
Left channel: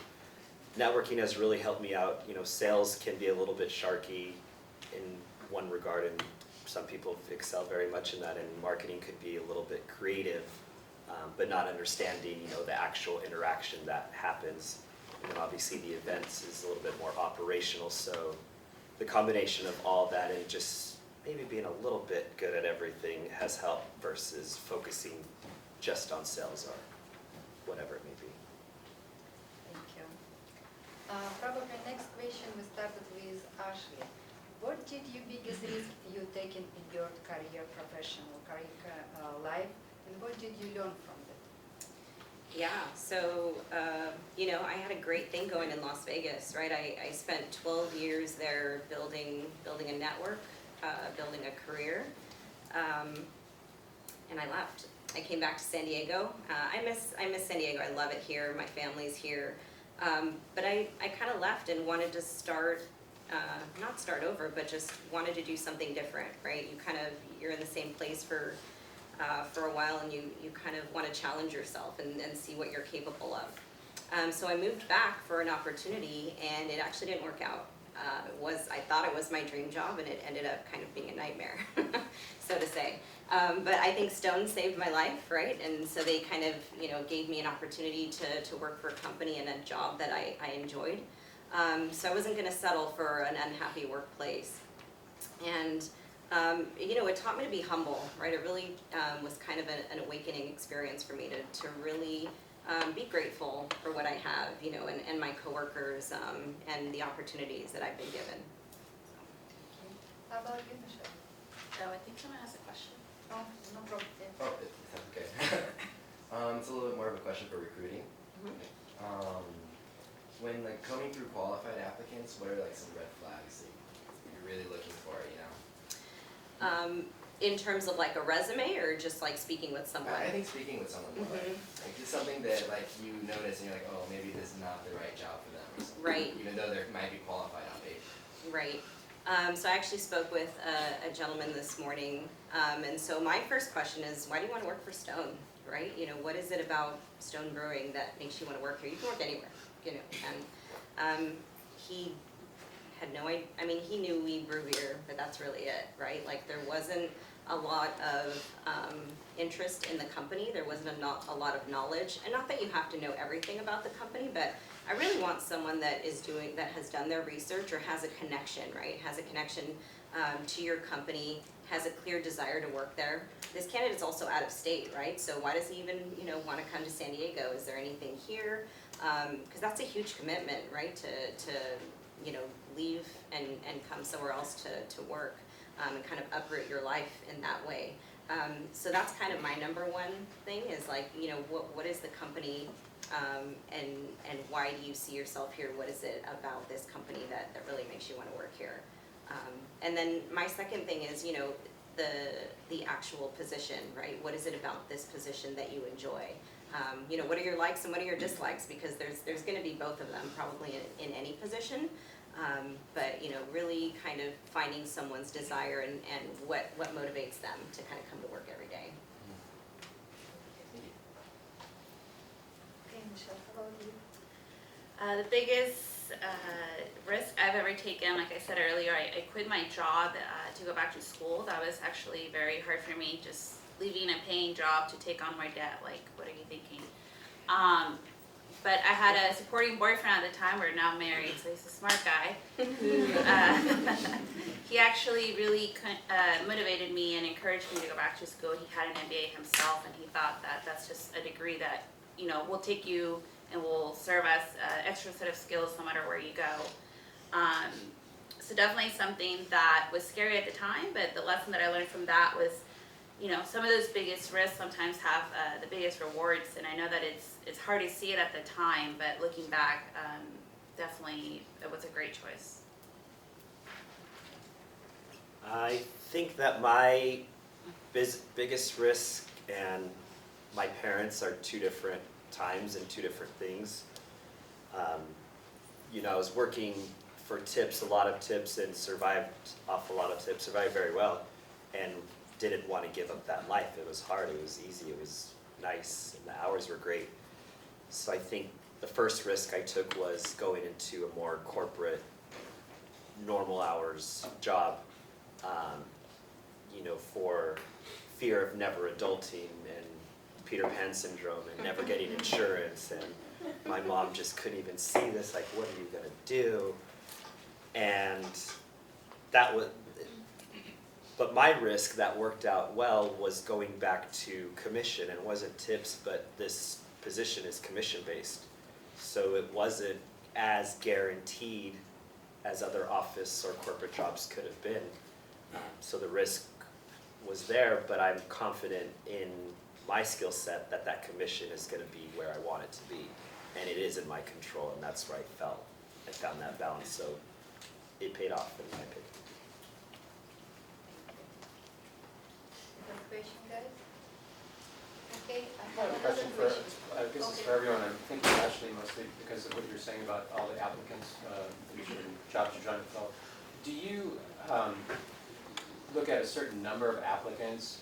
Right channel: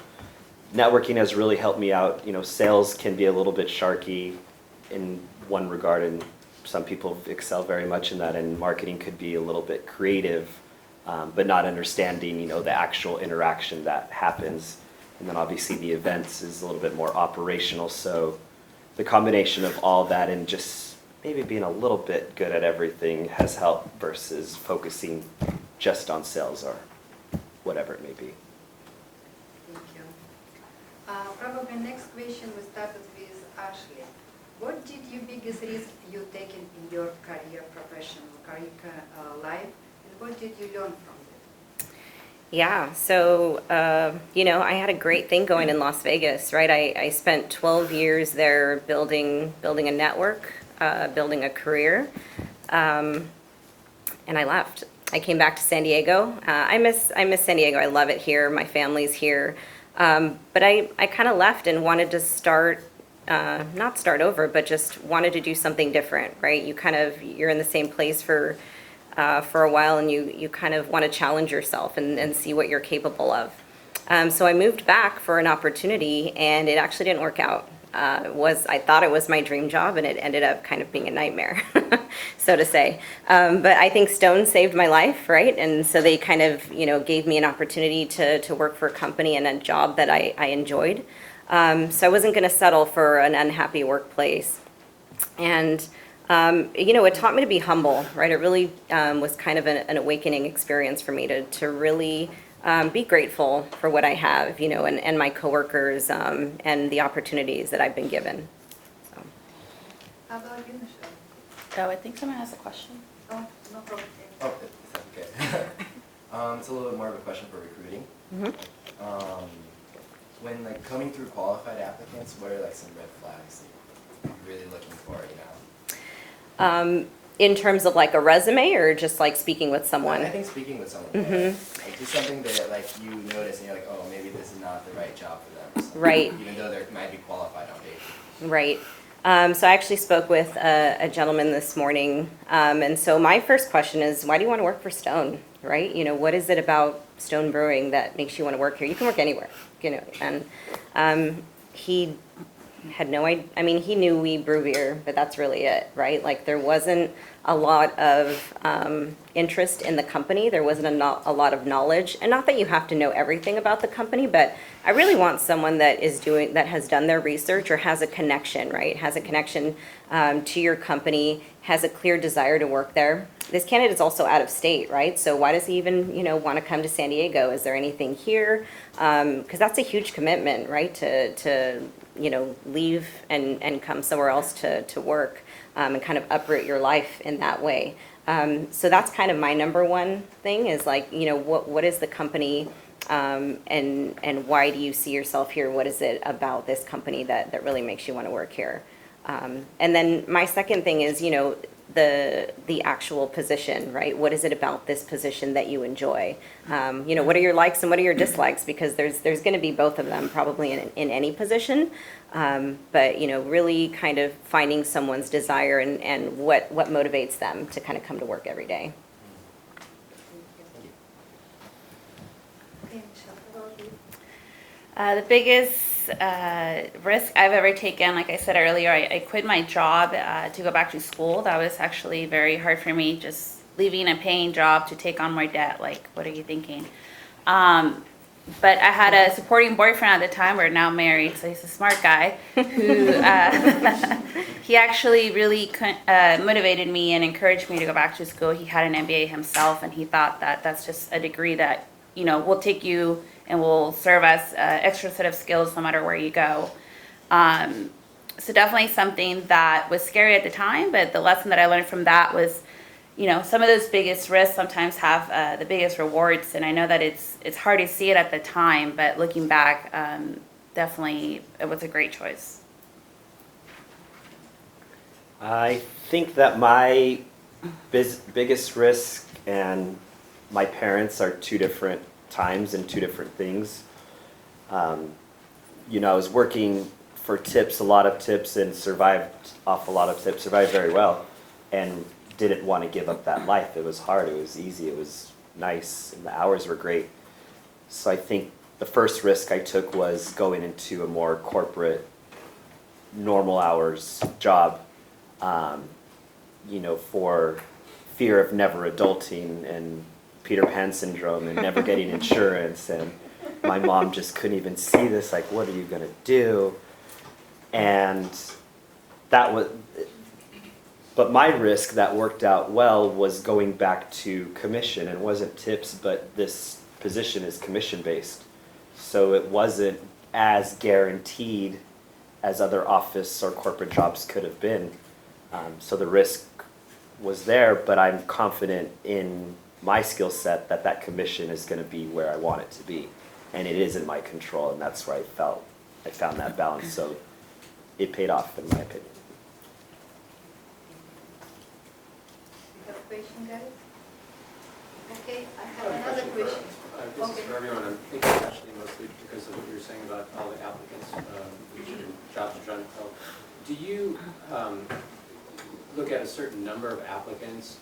networking has really helped me out. Sales can be a little bit sharky in one regard, and some people excel very much in that, and marketing could be a little bit creative, but not understanding, the actual interaction that happens. And then obviously the events is a little bit more operational. So the combination of all that and just maybe being a little bit good at everything has helped versus focusing just on sales or whatever it may be. Thank you. Probably next question we started with Ashley. What did you biggest risk you taken in your career, professional career life, and what did you learn from it? Yeah, so, I had a great thing going in Las Vegas, right? I spent 12 years there building a network, building a career, and I left. I came back to San Diego. I miss San Diego. I love it here. My family's here. But I kind of left and wanted to not start over, but just wanted to do something different, right? You're in the same place for a while, and you kind of want to challenge yourself and see what you're capable of. So I moved back for an opportunity, and it actually didn't work out. I thought it was my dream job, and it ended up kind of being a nightmare, so to say. But I think Stone saved my life, right? And so they kind of, gave me an opportunity to work for a company and a job that I enjoyed. So I wasn't going to settle for an unhappy workplace. And, it taught me to be humble, right? It really was kind of an awakening experience for me to really be grateful for what I have, and my coworkers, and the opportunities that I've been given. So. How about you, Michelle? So I think someone has a question. Oh, no problem. Oh, that's okay. It's a little bit more of a question for recruiting. Mm-hmm. When coming through qualified applicants, what are some red flags that you're really looking for, In terms of a resume, or just speaking with someone? I think speaking with someone. Mm-hmm. Just something that you notice and you're like, oh, maybe this is not the right job for them. So, Right. Even though they might be qualified on paper. Right. So I actually spoke with a gentleman this morning, and so my first question is, why do you want to work for Stone, right? What is it about Stone Brewing that makes you want to work here? You can work anywhere, and he had no idea. I mean, he knew we brew beer, but that's really it, right? There wasn't a lot of interest in the company. There wasn't a lot of knowledge, and not that you have to know everything about the company, but I really want someone that has done their research or has a connection, right? Has a connection to your company, has a clear desire to work there. This candidate is also out of state, right? So why does he even, want to come to San Diego? Is there anything here? Because that's a huge commitment, right? To leave and come somewhere else to work, and kind of uproot your life in that way. So that's kind of my number one thing is what is the company, and why do you see yourself here? What is it about this company that really makes you want to work here? And then my second thing is, the actual position, right? What is it about this position that you enjoy? What are your likes and what are your dislikes? Because there's going to be both of them probably in any position. But really kind of finding someone's desire and what motivates them to kind of come to work every day. Okay, Michelle, how about you? The biggest risk I've ever taken, like I said earlier, I quit my job to go back to school. That was actually very hard for me, just leaving a paying job to take on more debt. Like, what are you thinking? But I had a supporting boyfriend at the time. We're now married, so he's a smart guy who he actually really motivated me and encouraged me to go back to school. He had an MBA himself, and he thought that that's just a degree that, you know, will take you and will serve as extra set of skills no matter where you go. So definitely something that was scary at the time, but the lesson that I learned from that was, you know, some of those biggest risks sometimes have the biggest rewards, and I know that it's hard to see it at the time, but looking back, definitely it was a great choice. I think that my biggest risk and my parents are two different times and two different things. You know, I was working for tips, a lot of tips, and survived off a lot of tips, survived very well, and didn't want to give up that life. It was hard, it was easy, it was nice, and the hours were great. So I think the first risk I took was going into a more corporate, normal hours job, you know, for fear of never adulting and Peter Pan syndrome and never getting insurance, and my mom just couldn't even see this, like, what are you gonna do? And that was, but my risk that worked out well was going back to commission. It wasn't tips, but this position is commission based. So it wasn't as guaranteed as other office or corporate jobs could have been. So the risk was there, but I'm confident in my skill set that that commission is going to be where I want it to be. And it is in my control, and that's where I found that balance. So it paid off, in my opinion. You have a question, guys? Okay, I I have have a another question question. This is for everyone. I'm thinking actually mostly because of what you were saying about all the applicants, which are jobs you're trying to fill. Do you look at a certain number of applicants,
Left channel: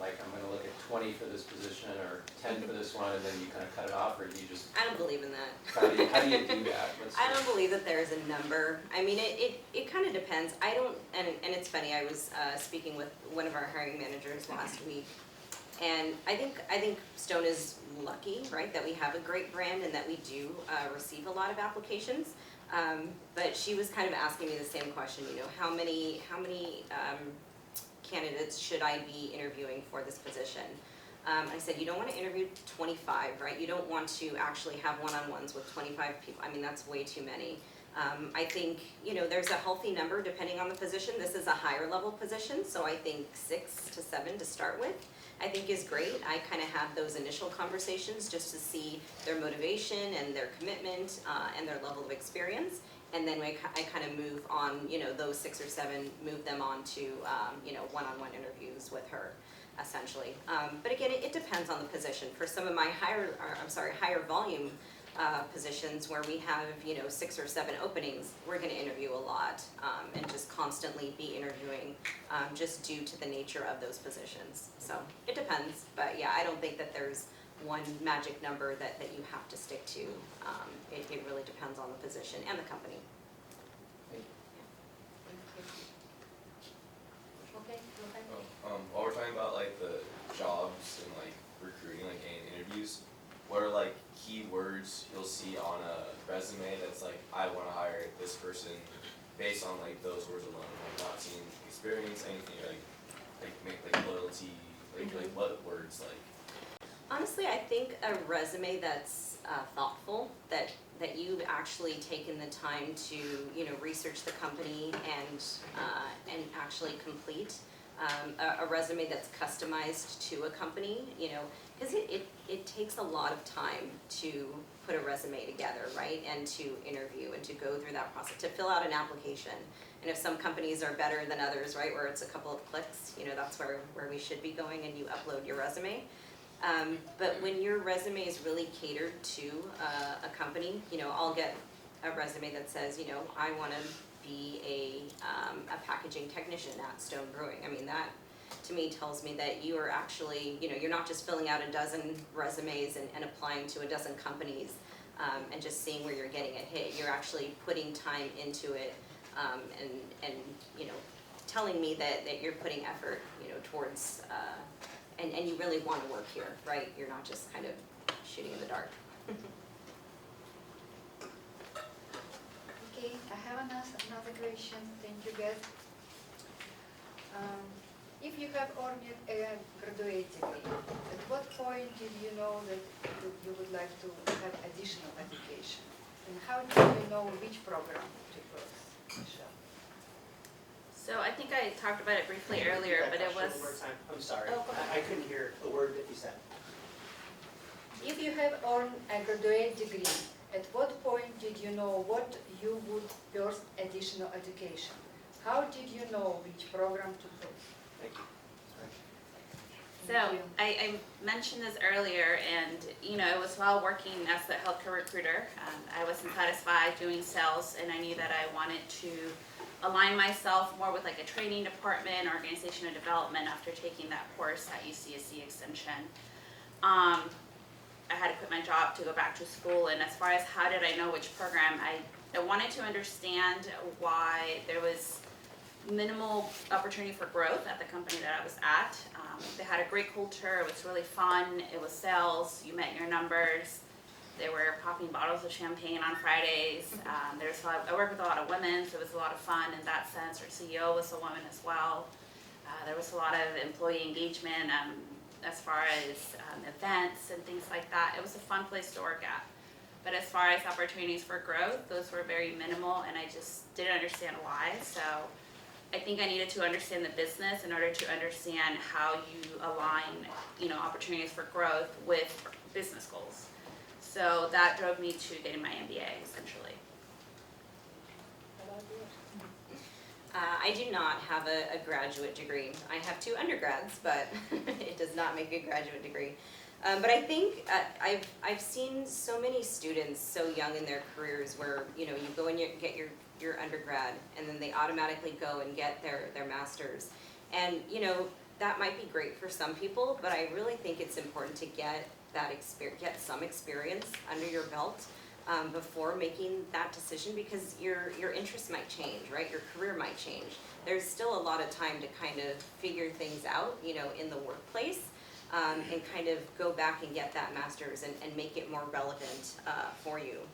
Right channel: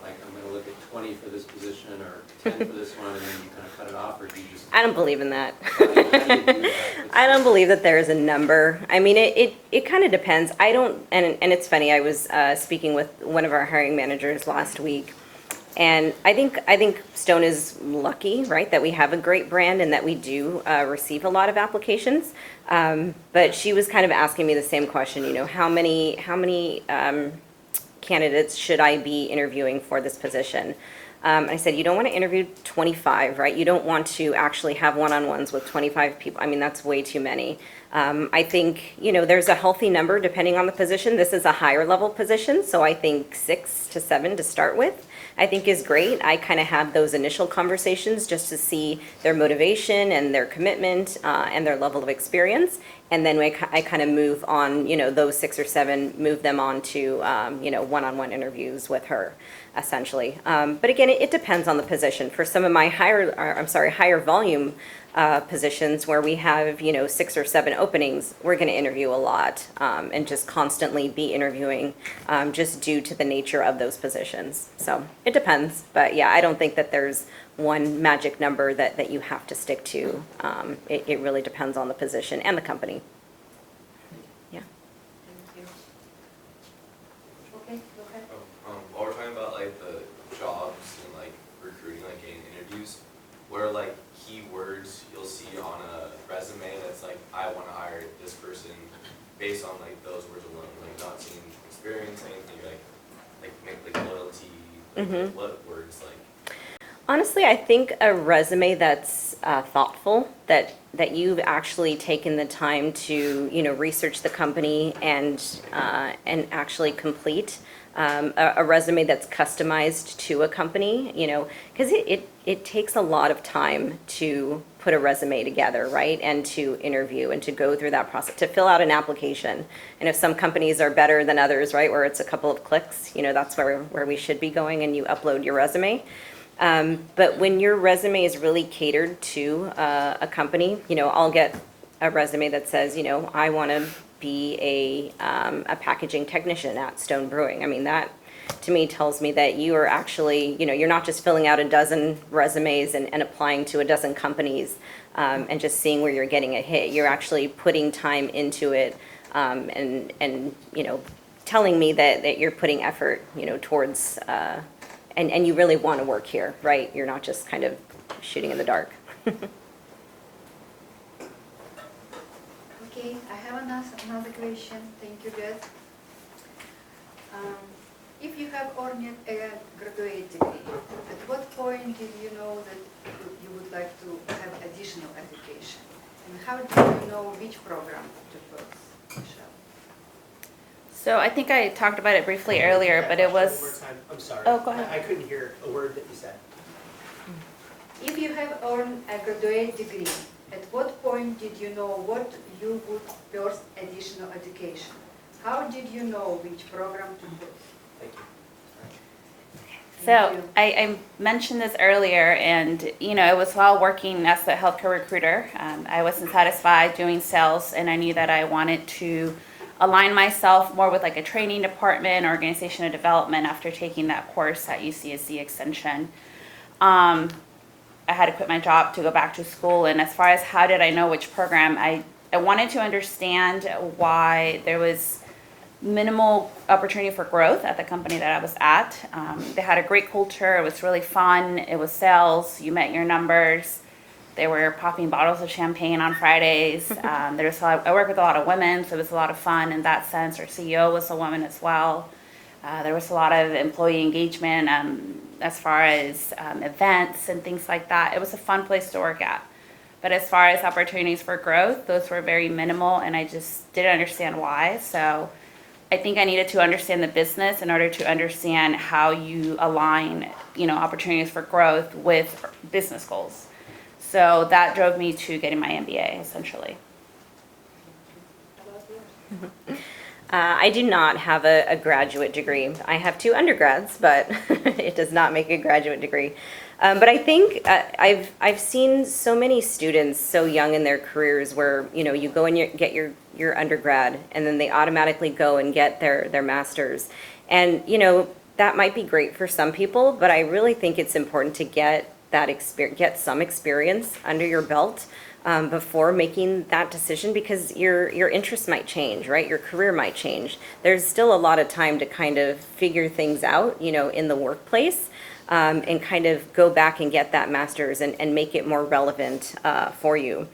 like I'm going to look at 20 for this position or 10 for this one, and then you kind of cut it off, or do you just? I don't believe in that. How do you do that? I don't believe that there is a number. I mean, it kind of depends. I don't, and it's funny, I was speaking with one of our hiring managers last week, and I think Stone is lucky, right, that we have a great brand and that we do receive a lot of applications. But she was kind of asking me the same question, you know, how many candidates should I be interviewing for this position? I said, you don't want to interview 25, right? You don't want to actually have one-on-ones with 25 people. I mean, that's way too many. I think, you know, there's a healthy number depending on the position. This is a higher level position, so I think 6 to 7 to start with, I think is great. I kind of have those initial conversations just to see their motivation and their commitment and their level of experience. And then I kind of move on, you know, those 6 or 7, move them on to, you know, one-on-one interviews with her, essentially. But again, it depends on the position. For some of my higher volume positions where we have, you know, 6 or 7 openings, we're going to interview a lot and just constantly be interviewing just due to the nature of those positions. So it depends. But yeah, I don't think that there's one magic number that you have to stick to. It really depends on the position and the company. Yeah. Thank you. Okay, go ahead. While we're talking about like the jobs and like recruiting, like getting interviews, what are like keywords you'll see on a resume that's like, I want to hire this person based on like those words alone, like not seeing experience, anything, like make like loyalty, like what words like? Honestly, I think a resume that's thoughtful, that you've actually taken the time to, you know, research the company and actually complete a resume that's customized to a company, you know, because it takes a lot of time to put a resume together, right, and to interview and to go through that process, to fill out an application. And if some companies are better than others, right, where it's a couple of clicks, you know, that's where we should be going, and you upload your resume. But when your resume is really catered to a company, you know, I'll get a resume that says, you know, I want to be a packaging technician at Stone Brewing. I mean, that to me tells me that you are actually, you know, you're not just filling out a dozen resumes and applying to a dozen companies. and just seeing where you're getting a hit. You're actually putting time into it, and telling me that you're putting effort, towards, and you really want to work here, right? You're not just kind of shooting in the dark. Okay, I have another question. Thank you, Beth. If you have earned a graduate degree, at what point did you know that you would like to have additional education? And how do you know which program to pursue, Michelle? So I think I talked about it briefly earlier, but it was. One more time. I'm sorry. Oh, go ahead. I couldn't hear a word that you said. If you have earned a graduate degree, at what point did you know what you would pursue additional education? How did you know which program to pursue? Thank you. So Thank you. I mentioned this earlier, and it was while working as a healthcare recruiter. I wasn't satisfied doing sales, and I knew that I wanted to align myself more with like a training department, organizational development after taking that course at UCSC Extension. I had to quit my job to go back to school, and as far as how did I know which program, I wanted to understand why there was minimal opportunity for growth at the company that I was at. They had a great culture. It was really fun. It was sales. You met your numbers. They were popping bottles of champagne on Fridays. I work with a lot of women, so it was a lot of fun in that sense. Our CEO was a woman as well. There was a lot of employee engagement as far as events and things like that. It was a fun place to work at. But as far as opportunities for growth, those were very minimal, and I just didn't understand why. So I think I needed to understand the business in order to understand how you align, opportunities for growth with business goals. So that drove me to getting my MBA, essentially. I do not have a graduate degree. I have 2 undergrads, but it does not make a graduate degree. But I think I've seen so many students so young in their careers where you go and get your undergrad, and then they automatically go and get their master's, and that might be great for some people, but I really think it's important to get some experience under your belt before making that decision, because your interests might change, right? Your career might change. There's still a lot of time to kind of figure things out, in the workplace, and kind of go back and get that master's and make it more relevant for you.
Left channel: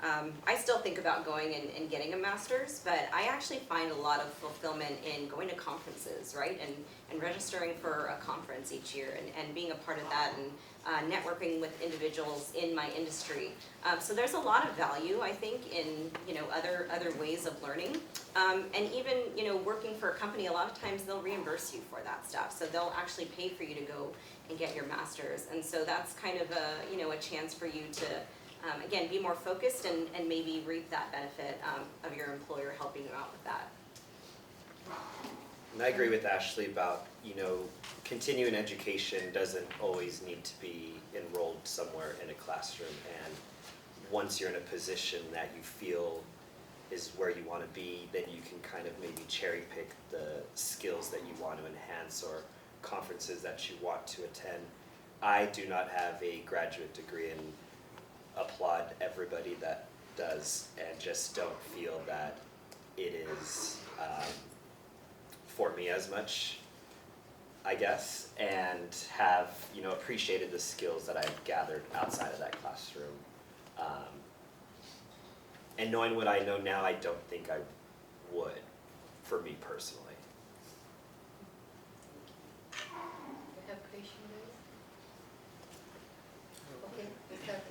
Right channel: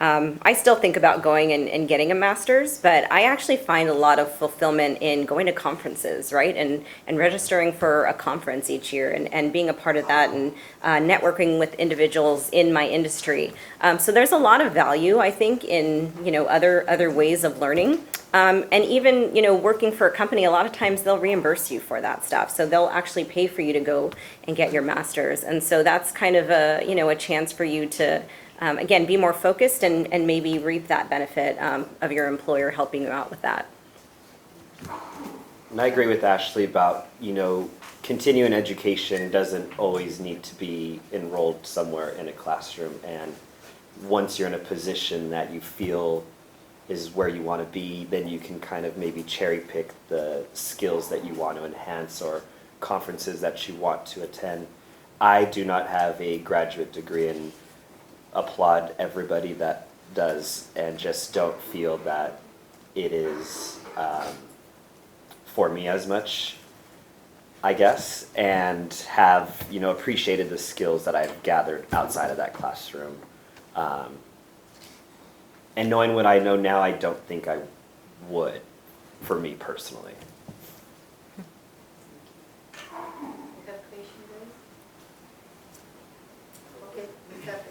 I still think about going and getting a master's, but I actually find a lot of fulfillment in going to conferences, right? And registering for a conference each year and being a part of that, and networking with individuals in my industry. So there's a lot of value, I think, in other ways of learning. And even working for a company, a lot of times they'll reimburse you for that stuff. So they'll actually pay for you to go and get your master's. And so that's kind of a chance for you to again, be more focused and maybe reap that benefit of your employer helping you out with that. And I agree with Ashley about, continuing education doesn't always need to be enrolled somewhere in a classroom. And once you're in a position that you feel is where you want to be, then you can kind of maybe cherry pick the skills that you want to enhance or conferences that you want to attend. I do not have a graduate degree, and applaud everybody that does, and just don't feel that it is for me as much, I guess, and have appreciated the skills that I've gathered outside of that classroom. And knowing what I know now, I don't think I would, for me personally.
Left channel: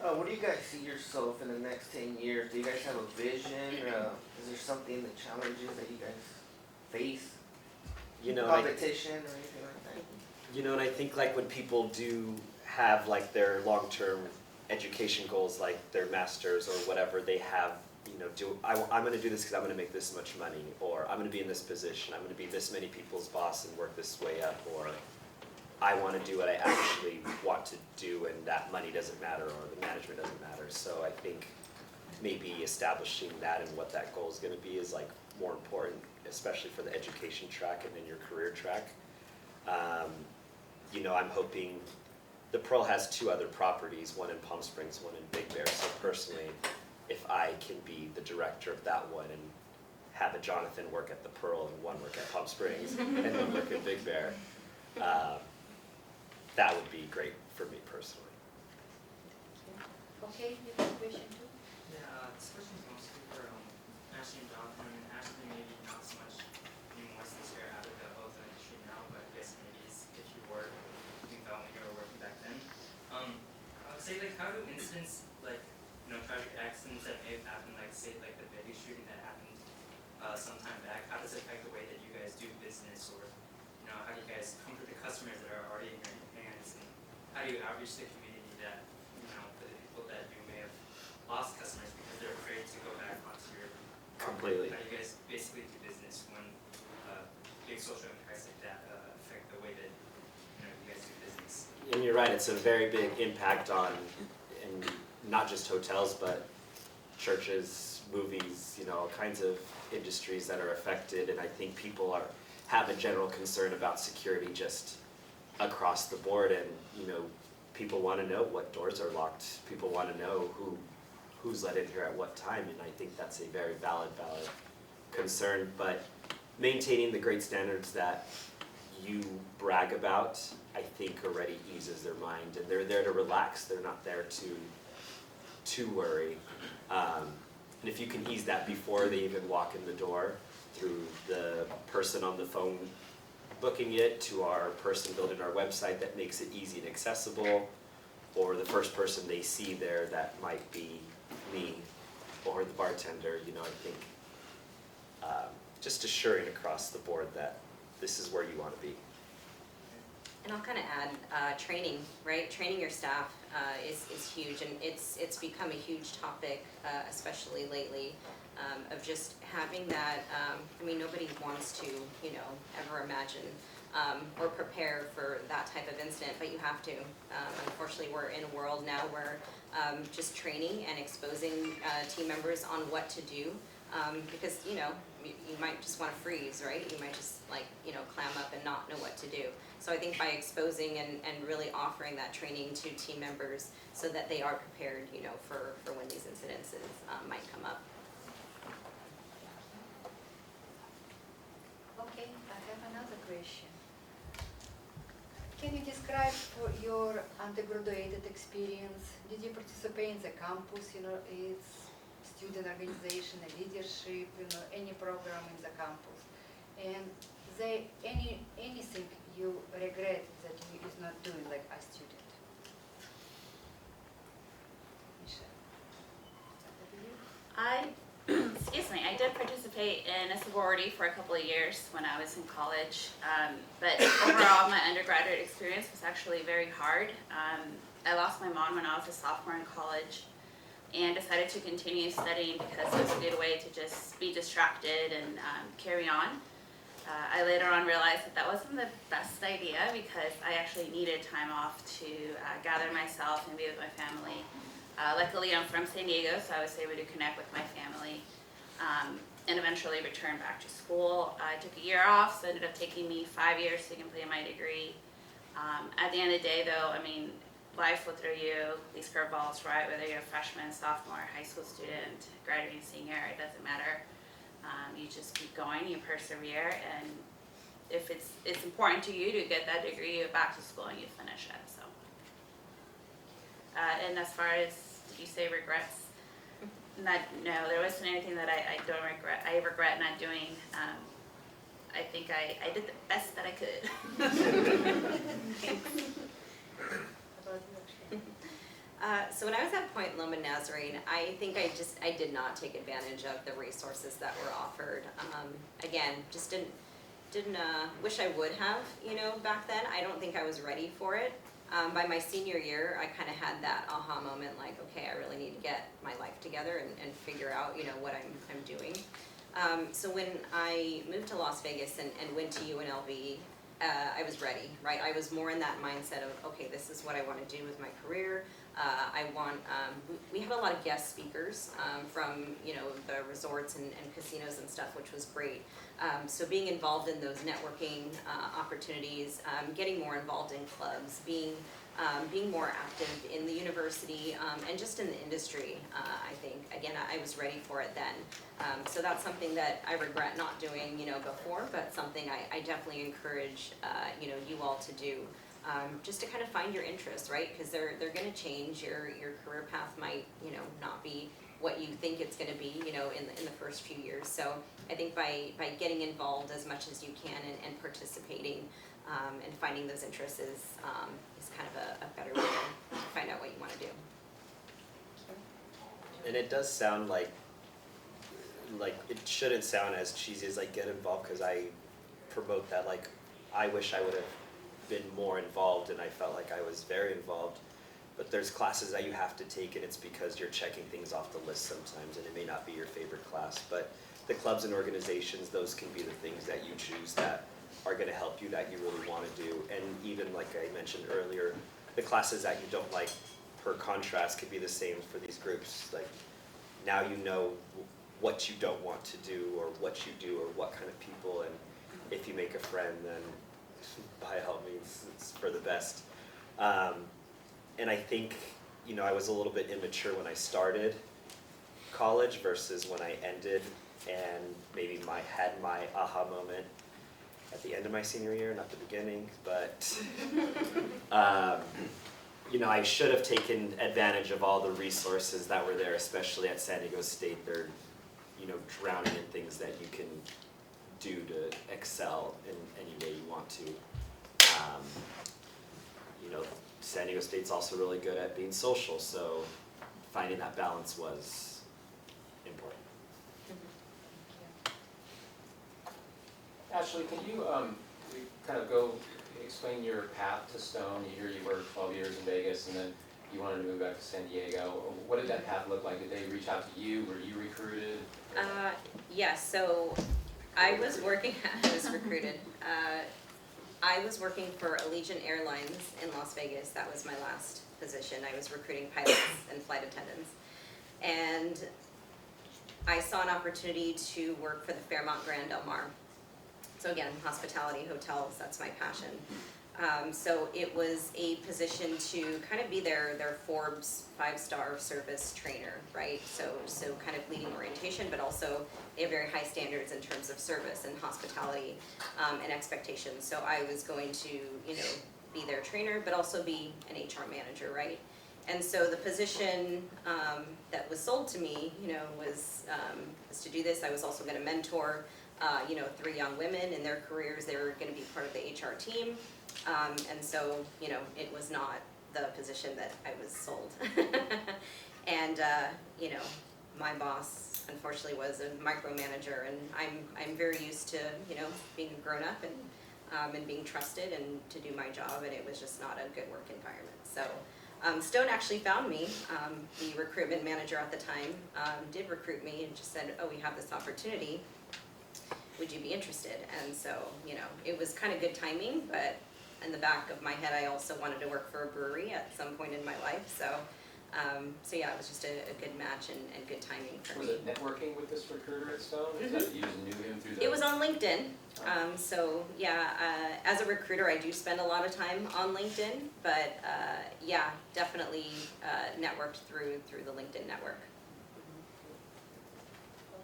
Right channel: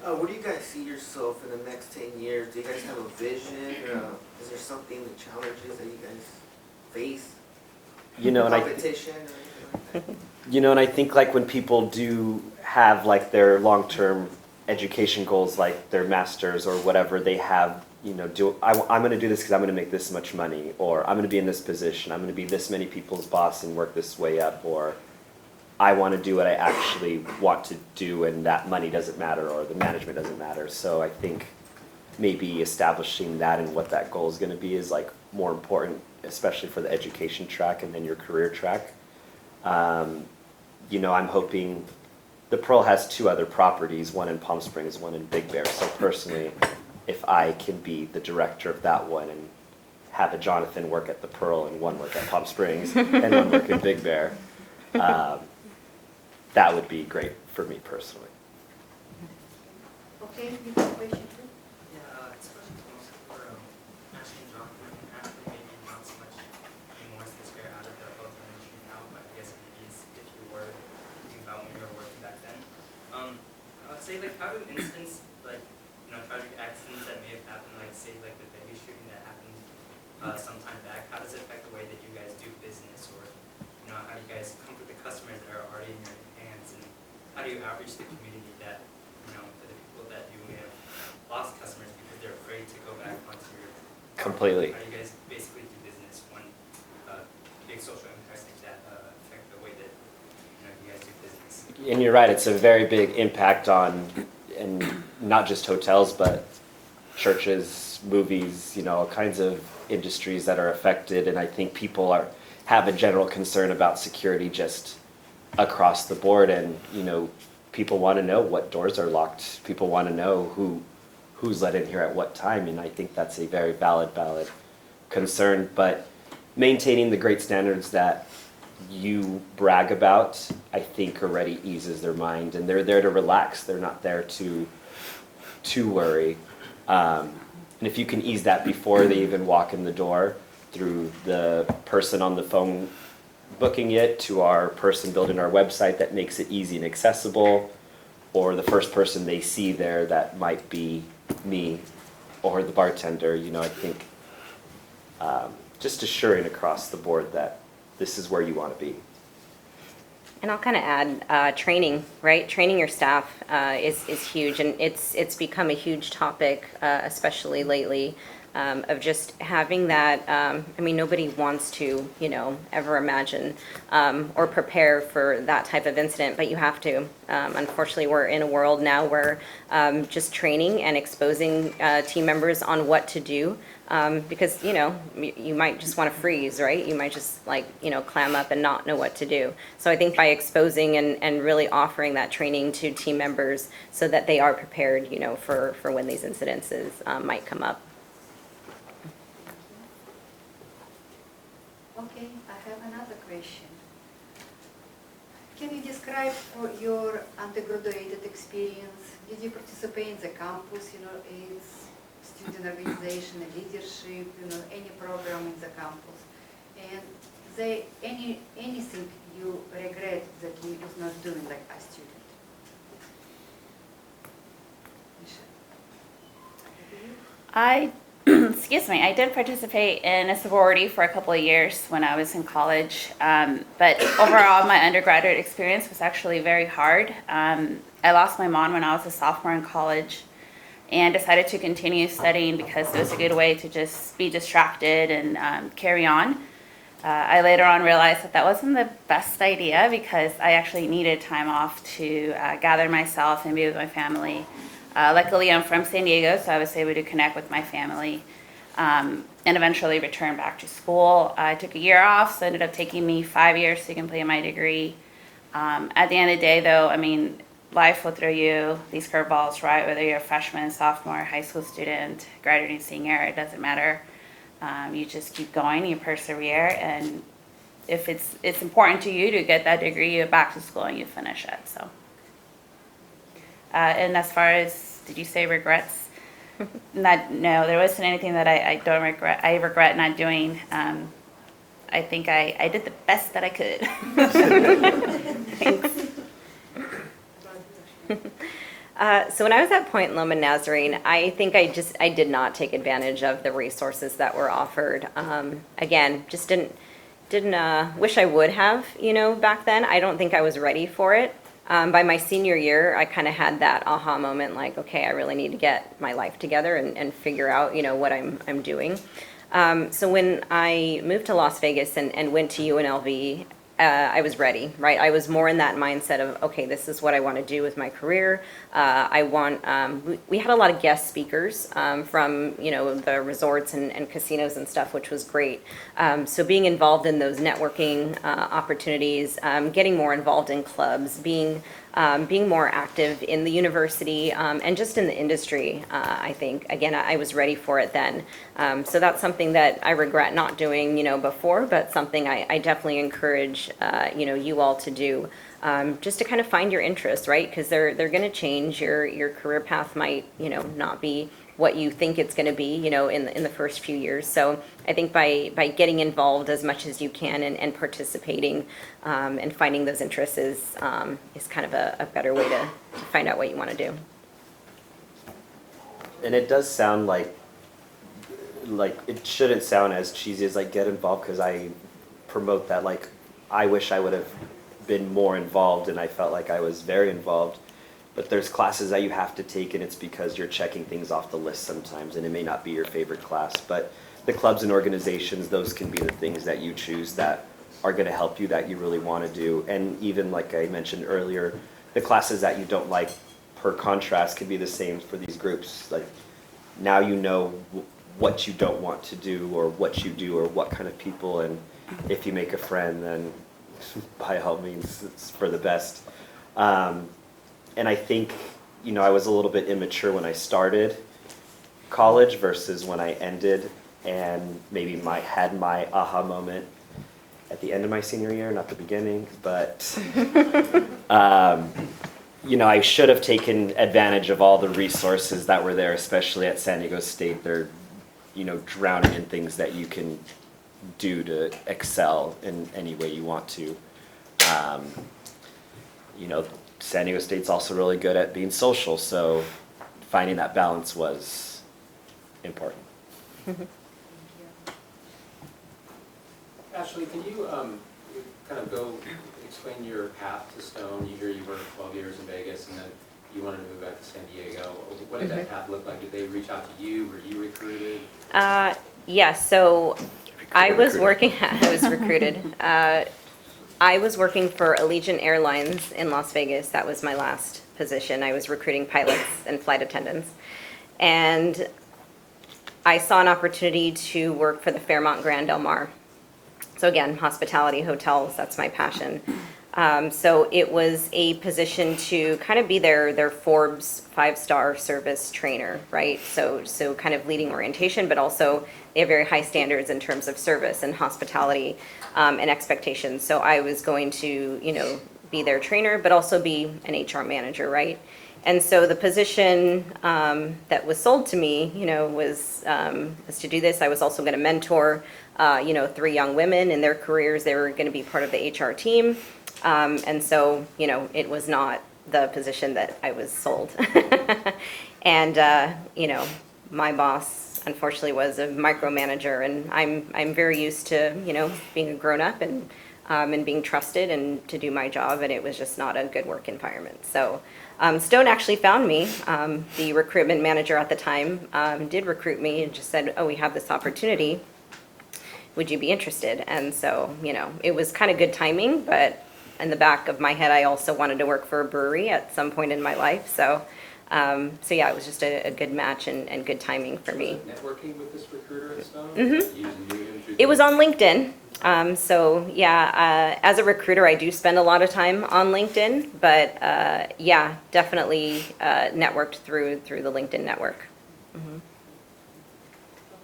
Where do you guys see yourself in the next 10 years? Do you guys have a vision? Is there something, the challenges that you guys face? Competition or anything like that? And I think like when people do have like their long-term education goals, like their masters or whatever, they have, I'm going to do this because I'm going to make this much money, or I'm going to be in this position, I'm going to be this many people's boss and work this way up, or I want to do what I actually want to do, and that money doesn't matter, or the management doesn't matter. So I think maybe establishing that and what that goal is going to be is like more important, especially for the education track and then your career track. I'm hoping the Pearl has 2 other properties, one in Palm Springs, one in Big Bear. So personally, if I can be the director of that one and have a Jonathan work at the Pearl and one work at Palm Springs and one work in Big Bear, that would be great for me personally. Okay, you have a question too? Yeah, this question's mostly for Ashley and Jonathan. And Ashley, maybe not so much anymore since you're out of the hotel industry now, but I guess maybe if you were thinking about when you were working back then. I would say, like, how do incidents, like, tragic accidents that may have happened, like, say, like the Vegas shooting that happened some time back, how does it affect the way that you guys do business, or, how do you guys comfort the customers that are already in your hands, and how do you outreach the community that, for the people that you may have lost customers because they're afraid to go back onto your Completely. How do you guys basically do business when big social impacts like that affect the way that you guys do business? And you're right, it's a very big impact on, and not just hotels, but churches, movies, all kinds of industries that are affected. And I think people have a general concern about security just across the board. And, people want to know what doors are locked. People want to know who's let in here at what time. And I think that's a very valid concern. But maintaining the great standards that you brag about, I think already eases their mind, and they're there to relax. They're not there to worry. And if you can ease that before they even walk in the door, through the person on the phone booking it, to our person building our website that makes it easy and accessible, or the first person they see there that might be me or the bartender, I think just assuring across the board that this is where you want to be. And I'll kind of add training, right? Training your staff is huge, and it's become a huge topic, especially lately, of just having that. Nobody wants to, ever imagine or prepare for that type of incident, but you have to. Unfortunately, we're in a world now where just training and exposing team members on what to do. Because, you might just want to freeze, right? You might just clam up and not know what to do. So I think by exposing and really offering that training to team members so that they are prepared, for when these incidences might come up. Okay, I have another question. Can you describe for your undergraduate experience? Did you participate in the campus, it's student organization, leadership, any program in the campus? And anything you regret that you is not doing like a student? Michelle? Excuse me, I did participate in a sorority for a couple of years when I was in college, but overall my undergraduate experience was actually very hard. I lost my mom when I was a sophomore in college and decided to continue studying because it was a good way to just be distracted and carry on. I later on realized that wasn't the best idea because I actually needed time off to gather myself and be with my family. Luckily, I'm from San Diego, so I was able to connect with my family and eventually return back to school. I took a year off, so it ended up taking me 5 years to complete my degree. At the end of the day, though, life will throw you these curveballs, right? Whether you're a freshman, sophomore, high school student, graduating senior, it doesn't matter. You just keep going, you persevere, and if it's important to you to get that degree, you go back to school and you finish it. So, and as far as, did you say regrets? No, there wasn't anything that I don't regret. I regret not doing. I think I did the best that I could. Thanks. So when I was at Point Loma Nazarene, I think I did not take advantage of the resources that were offered. Again, just didn't wish I would have, back then. I don't think I was ready for it. By my senior year, I kind of had that aha moment, like, okay, I really need to get my life together and figure out, what I'm doing. So when I moved to Las Vegas and went to UNLV, I was ready, right? I was more in that mindset of, okay, this is what I want to do with my career. We had a lot of guest speakers from, the resorts and casinos and stuff, which was great. So being involved in those networking opportunities, getting more involved in clubs, being being more active in the university, and just in the industry. I think, again, I was ready for it then. So that's something that I regret not doing, before, but something I definitely encourage, you all to do. Just to kind of find your interests, right? Because they're going to change. Your career path might, not be what you think it's going to be, in the first few years. So I think by getting involved as much as you can and participating, and finding those interests is kind of a better way to find out what you want to do. And it does sound like it shouldn't sound as cheesy as like get involved, because I promote that, like I wish I would have been more involved, and I felt like I was very involved. But there's classes that you have to take, and it's because you're checking things off the list sometimes, and it may not be your favorite class. But the clubs and organizations, those can be the things that you choose that are going to help you, that you really want to do. And even like I mentioned earlier, the classes that you don't like, per contrast, can be the same for these groups. Like now you know what you don't want to do, or what you do, or what kind of people, and if you make a friend, then by all means, it's for the best. And I think, I was a little bit immature when I started college versus when I ended, and maybe had my aha moment at the end of my senior year, not the beginning, but I should have taken advantage of all the resources that were there, especially at San Diego State. They're, drowning in things that you can do to excel in any way you want to. San Diego State's also really good at being social, so finding that balance was important. Ashley, can you kind of go explain your path to Stone? You worked 12 years in Vegas, and then you wanted to move back to San Diego. What did that path look like? Did they reach out to you? Were you recruited? Yes, so I was recruited. I was working for Allegiant Airlines in Las Vegas. That was my last position. I was recruiting pilots and flight attendants. And I saw an opportunity to work for the Fairmont Grand Del Mar. So again, hospitality, hotels, that's my passion. So it was a position to kind of be their Forbes 5-star service trainer, right? So kind of leading orientation, but also they have very high standards in terms of service and hospitality, and expectations. So I was going to, be their trainer, but also be an HR manager, right? And so the position that was sold to me, was to do this. I was also going to mentor, 3 young women in their careers. They were going to be part of the HR team. And so, it was not the position that I was sold. And, my boss, unfortunately, was a micromanager, and I'm very used to, being a grown-up and being trusted and to do my job, and it was just not a good work environment. So Stone actually found me. The recruitment manager at the time did recruit me and just said, oh, we have this opportunity. Would you be interested? And so, it was kind of good timing, but in the back of my head, I also wanted to work for a brewery at some point in my life. So yeah, it was just a good match and good timing for me. Networking with this recruiter at Stone? Mm-hmm. It was on LinkedIn. So yeah, as a recruiter, I do spend a lot of time on LinkedIn, but yeah, definitely networked through the LinkedIn network. Mm-hmm.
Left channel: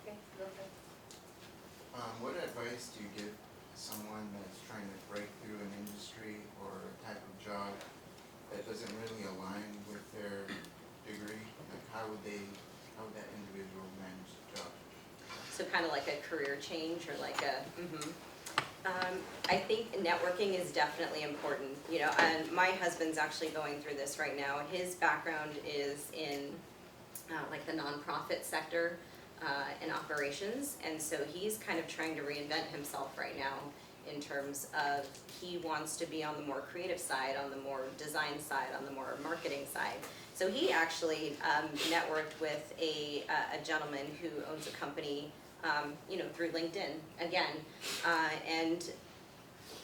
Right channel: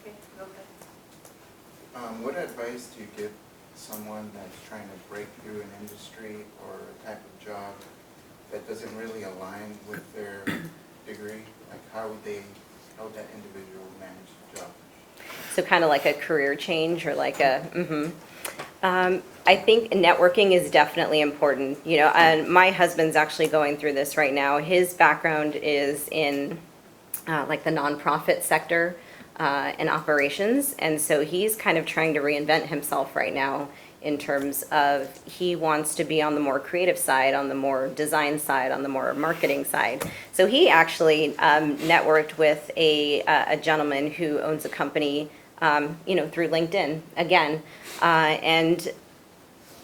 Okay, What advice do you give someone that's trying to break through an industry or a type of job that doesn't really align with their degree? Like how would that individual manage the job? So kind of like a career change, or like a, I think networking is definitely important, and my husband's actually going through this right now. His background is in like the nonprofit sector and operations, and so he's kind of trying to reinvent himself right now in terms of he wants to be on the more creative side, on the more design side, on the more marketing side. So he actually networked with a gentleman who owns a company, through LinkedIn again, and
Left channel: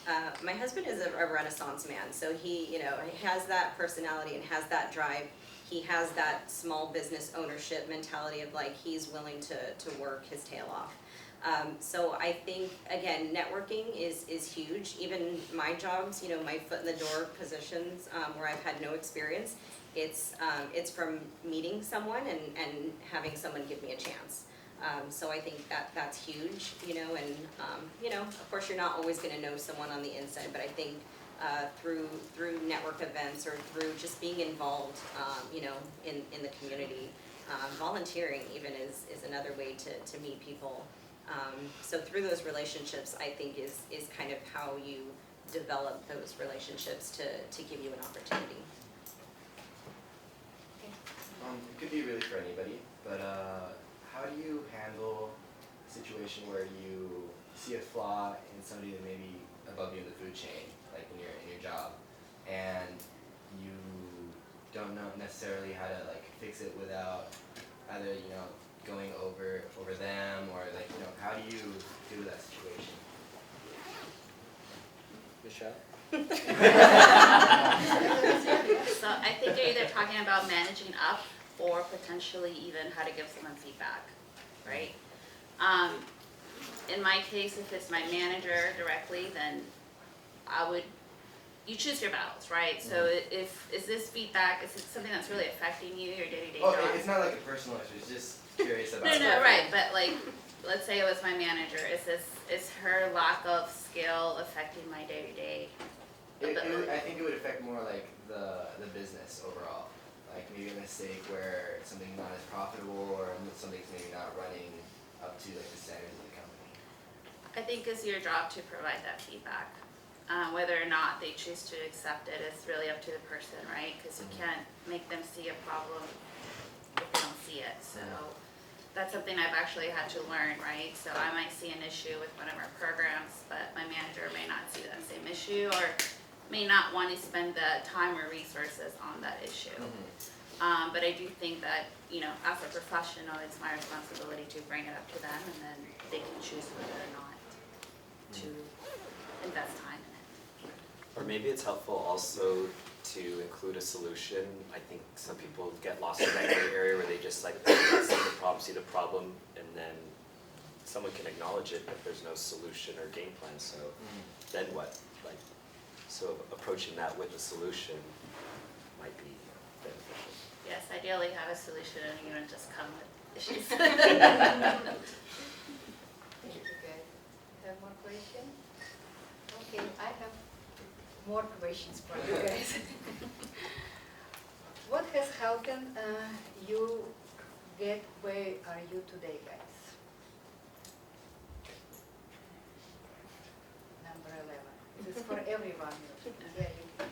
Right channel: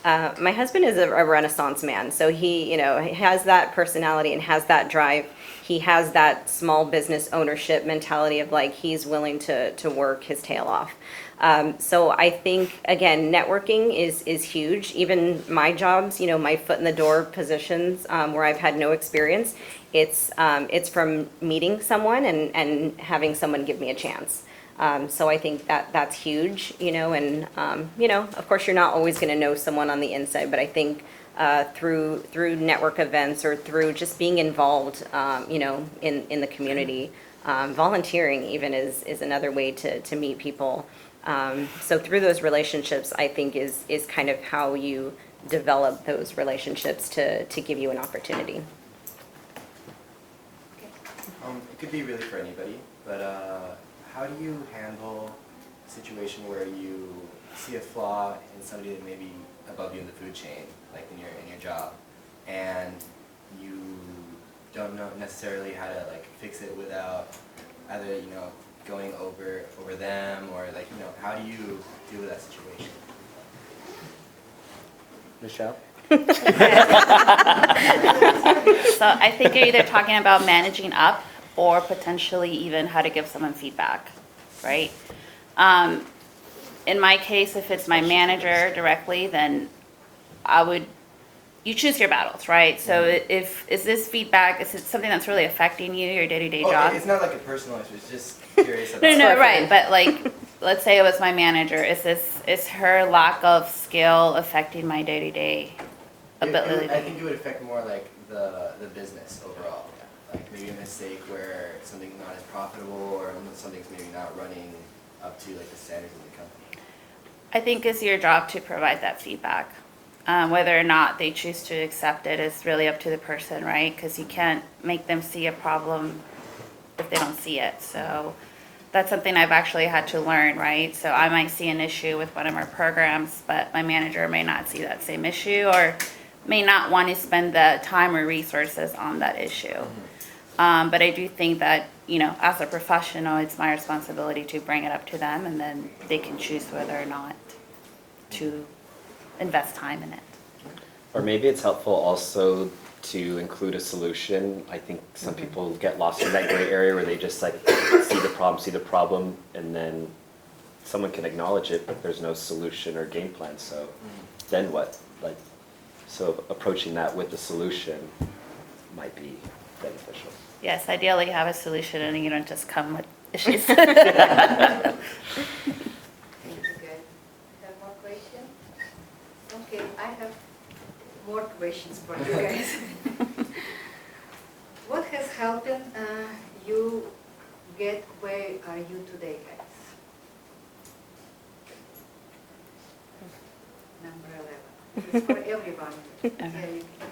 My husband is a Renaissance man, so he, he has that personality and has that drive. He has that small business ownership mentality of like he's willing to work his tail off. So I think again, networking is huge. Even my jobs, my foot in the door positions where I've had no experience, it's from meeting someone and having someone give me a chance. So I think that's huge, and of course you're not always going to know someone on the inside, but I think through network events or through just being involved, in the community, volunteering even is another way to meet people. So through those relationships, I think is kind of how you develop those relationships to give you an opportunity. It could be really for anybody, but how do you handle a situation where you see a flaw in somebody that may be above you in the food chain, like in your job, and you don't know necessarily how to like fix it without either going over them, or like how do you deal with that situation? Michelle? So I think you're either talking about managing up or potentially even how to give someone feedback, right? In my case, if it's my manager directly, then you choose your battles, right? So is this feedback, is it something that's really affecting you, your day-to-day job? It's not like a personal issue, it's just curious about No, right, but like, let's say it was my manager, is her lack of skill affecting my day-to-day ability? I think it would affect more like the business overall. Like maybe a mistake where something's not as profitable or something's maybe not running up to like the standards of the company. I think it's your job to provide that feedback. Whether or not they choose to accept it is really up to the person, right? Because you can't make them see a problem if they don't see it. So that's something I've actually had to learn, right? So I might see an issue with one of our programs, but my manager may not see that same issue or may not want to spend the time or resources on that issue. But I do think that, as a professional, it's my responsibility to bring it up to them, and then they can choose whether or not to invest time in it. Or maybe it's helpful also to include a solution. I think some people get lost in that gray area where they just like see the problem, and then someone can acknowledge it, but there's no solution or game plan. So then what? So approaching that with the solution might be beneficial. Yes, ideally have a solution and you don't just come with issues. Thank you, guys. Have more questions? Okay, I have more questions for you guys. What has helped you get where are you today, guys? Number 11. This is for everyone. Yeah, you can.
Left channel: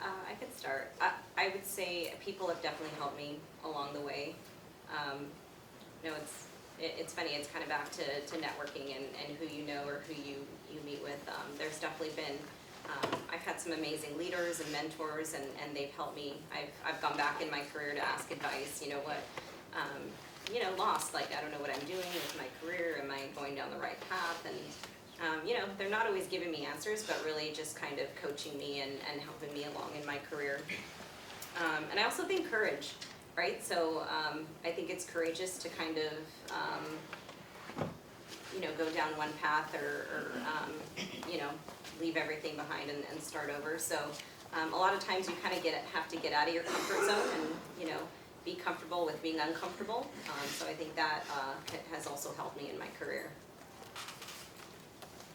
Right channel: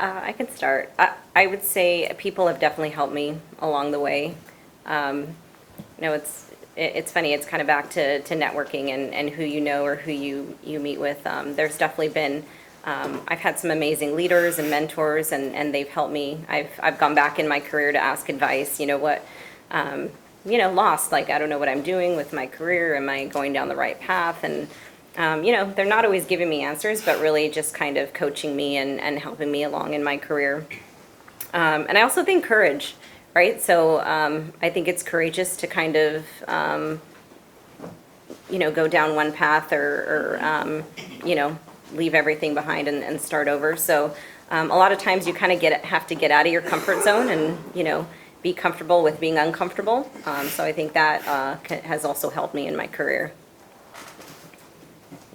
I could start. I would say people have definitely helped me along the way. It's funny. It's kind of back to networking and who you know or who you meet with. There's definitely been. I've had some amazing leaders and mentors, and they've helped me. I've gone back in my career to ask advice. Lost. Like I don't know what I'm doing with my career. Am I going down the right path? And they're not always giving me answers, but really just kind of coaching me and helping me along in my career. And I also think courage, right? So I think it's courageous to kind of, go down one path or leave everything behind and start over. So a lot of times you kind of have to get out of your comfort zone and, be comfortable with being uncomfortable. So I think that has also helped me in my career.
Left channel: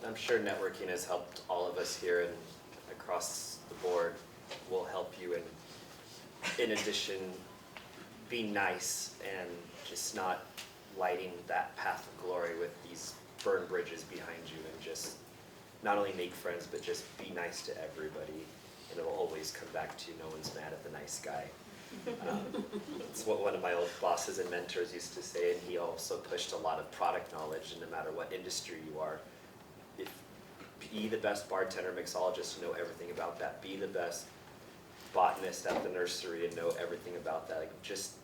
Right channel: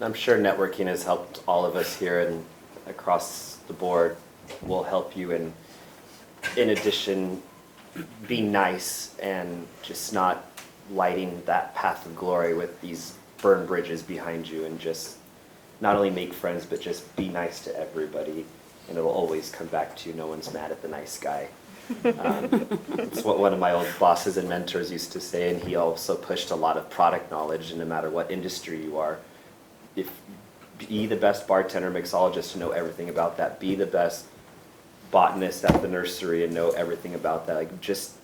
I'm sure networking has helped all of us here and across the board. Will help you in addition, be nice and just not lighting that path of glory with these burned bridges behind you, and just not only make friends but just be nice to everybody, and it'll always come back to you. No one's mad at the nice guy. It's what one of my old bosses and mentors used to say, and he also pushed a lot of product knowledge, and no matter what industry you are, be the best bartender, mixologist to know everything about that. Be the best botanist at the nursery and know everything about that. Like, just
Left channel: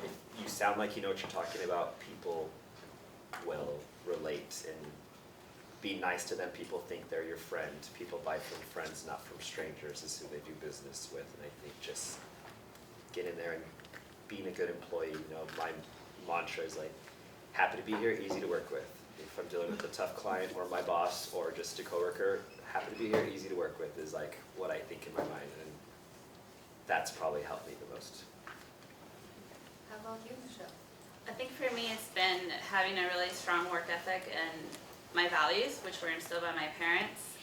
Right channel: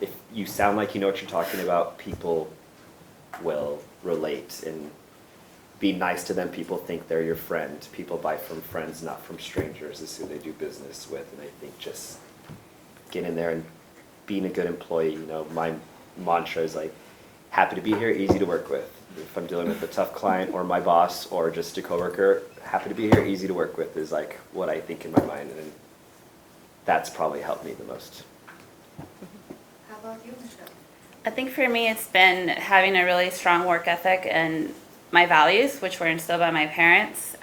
if you sound like you know what you're talking about, people will relate, and be nice to them. People think they're your friend. People buy from friends, not from strangers, is who they do business with. And I think just get in there and being a good employee, you know, my mantra is like, happy to be here, easy to work with. If I'm dealing with a tough client or my boss or just a coworker, happy to be here, easy to work with is like what I think in my mind, and that's probably helped me the most. How about you, Michelle? I think for me, it's been having a really strong work ethic and my values, which were instilled by my parents.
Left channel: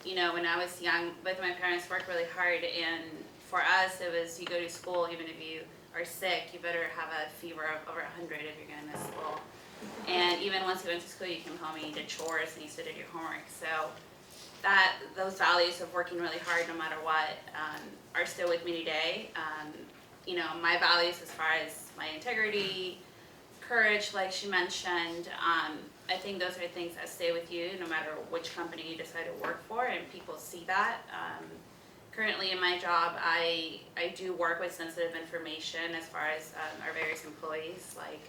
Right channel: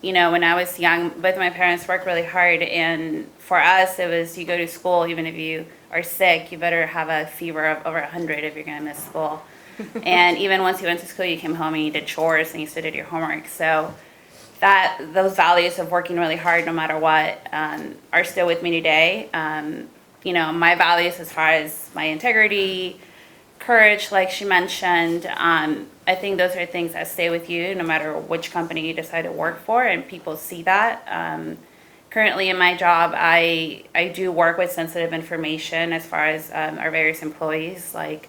You know, when I was young, both of my parents worked really hard, and for us, it was you go to school, even if you are sick, you better have a fever of over 100 if you're going to miss school. And even once you went to school, you came home and you did chores and you still did your homework. So those values of working really hard no matter what are still with me today. You know, my values as far as my integrity, courage, like she mentioned, I think those are things that stay with you no matter which company you decide to work for, and people see that. Currently in my job, I do work with sensitive information as far as our various employees, like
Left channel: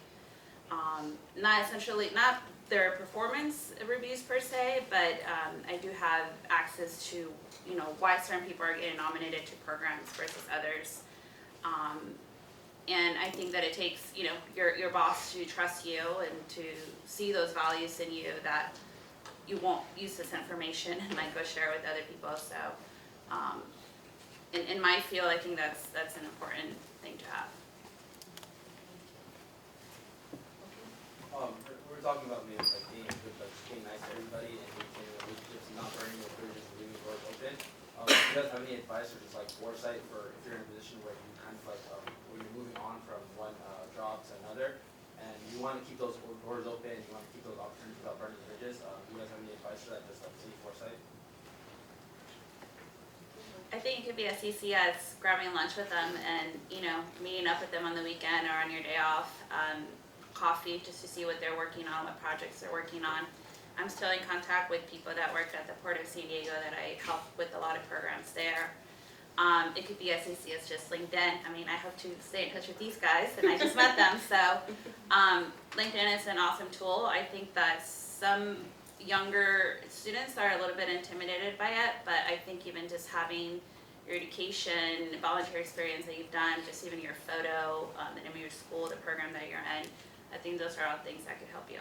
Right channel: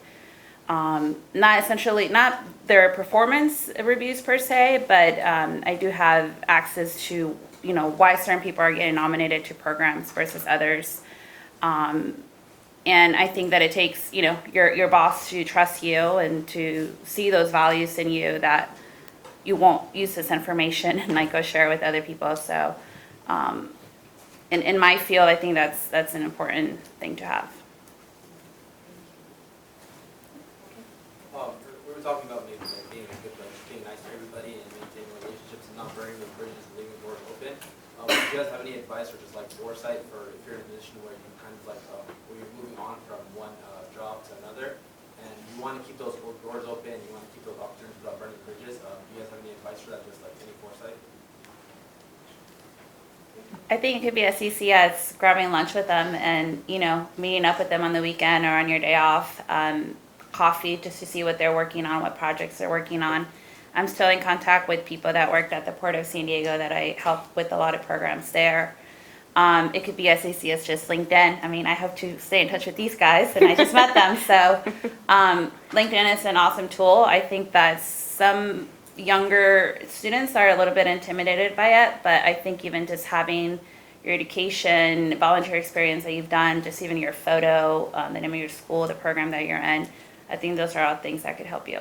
not their performance reviews per se, but I do have access to, you know, why certain people are getting nominated to programs versus others. And I think that it takes, you know, your boss to trust you and to see those values in you, that you won't use this information and like go share with other people. So in my field, I think that's an important thing to have. We were talking about maybe like being good, like being nice to everybody and maintaining relationships and not burning those bridges and leaving the door open. Do you guys have any advice or just like foresight for if you're in a position where you kind of like where you're moving on from one job to another, and you want to keep those doors open, you want to keep those opportunities without burning bridges? Do you guys have any advice for that? Just like any foresight? I think it could be as easy as grabbing lunch with them and, you know, meeting up with them on the weekend or on your day off, coffee just to see what they're working on, what projects they're working on. I'm still in contact with people that worked at the Port of San Diego that I helped with a lot of programs there. It could be as easy as just LinkedIn. I mean, I hope to stay in touch with these guys, and I just met them. So LinkedIn is an awesome tool. I think that some younger students are a little bit intimidated by it, but I think even just having your education, volunteer experience that you've done, just even your photo, the name of your school, the program that you're in, I think those are all things that could help you.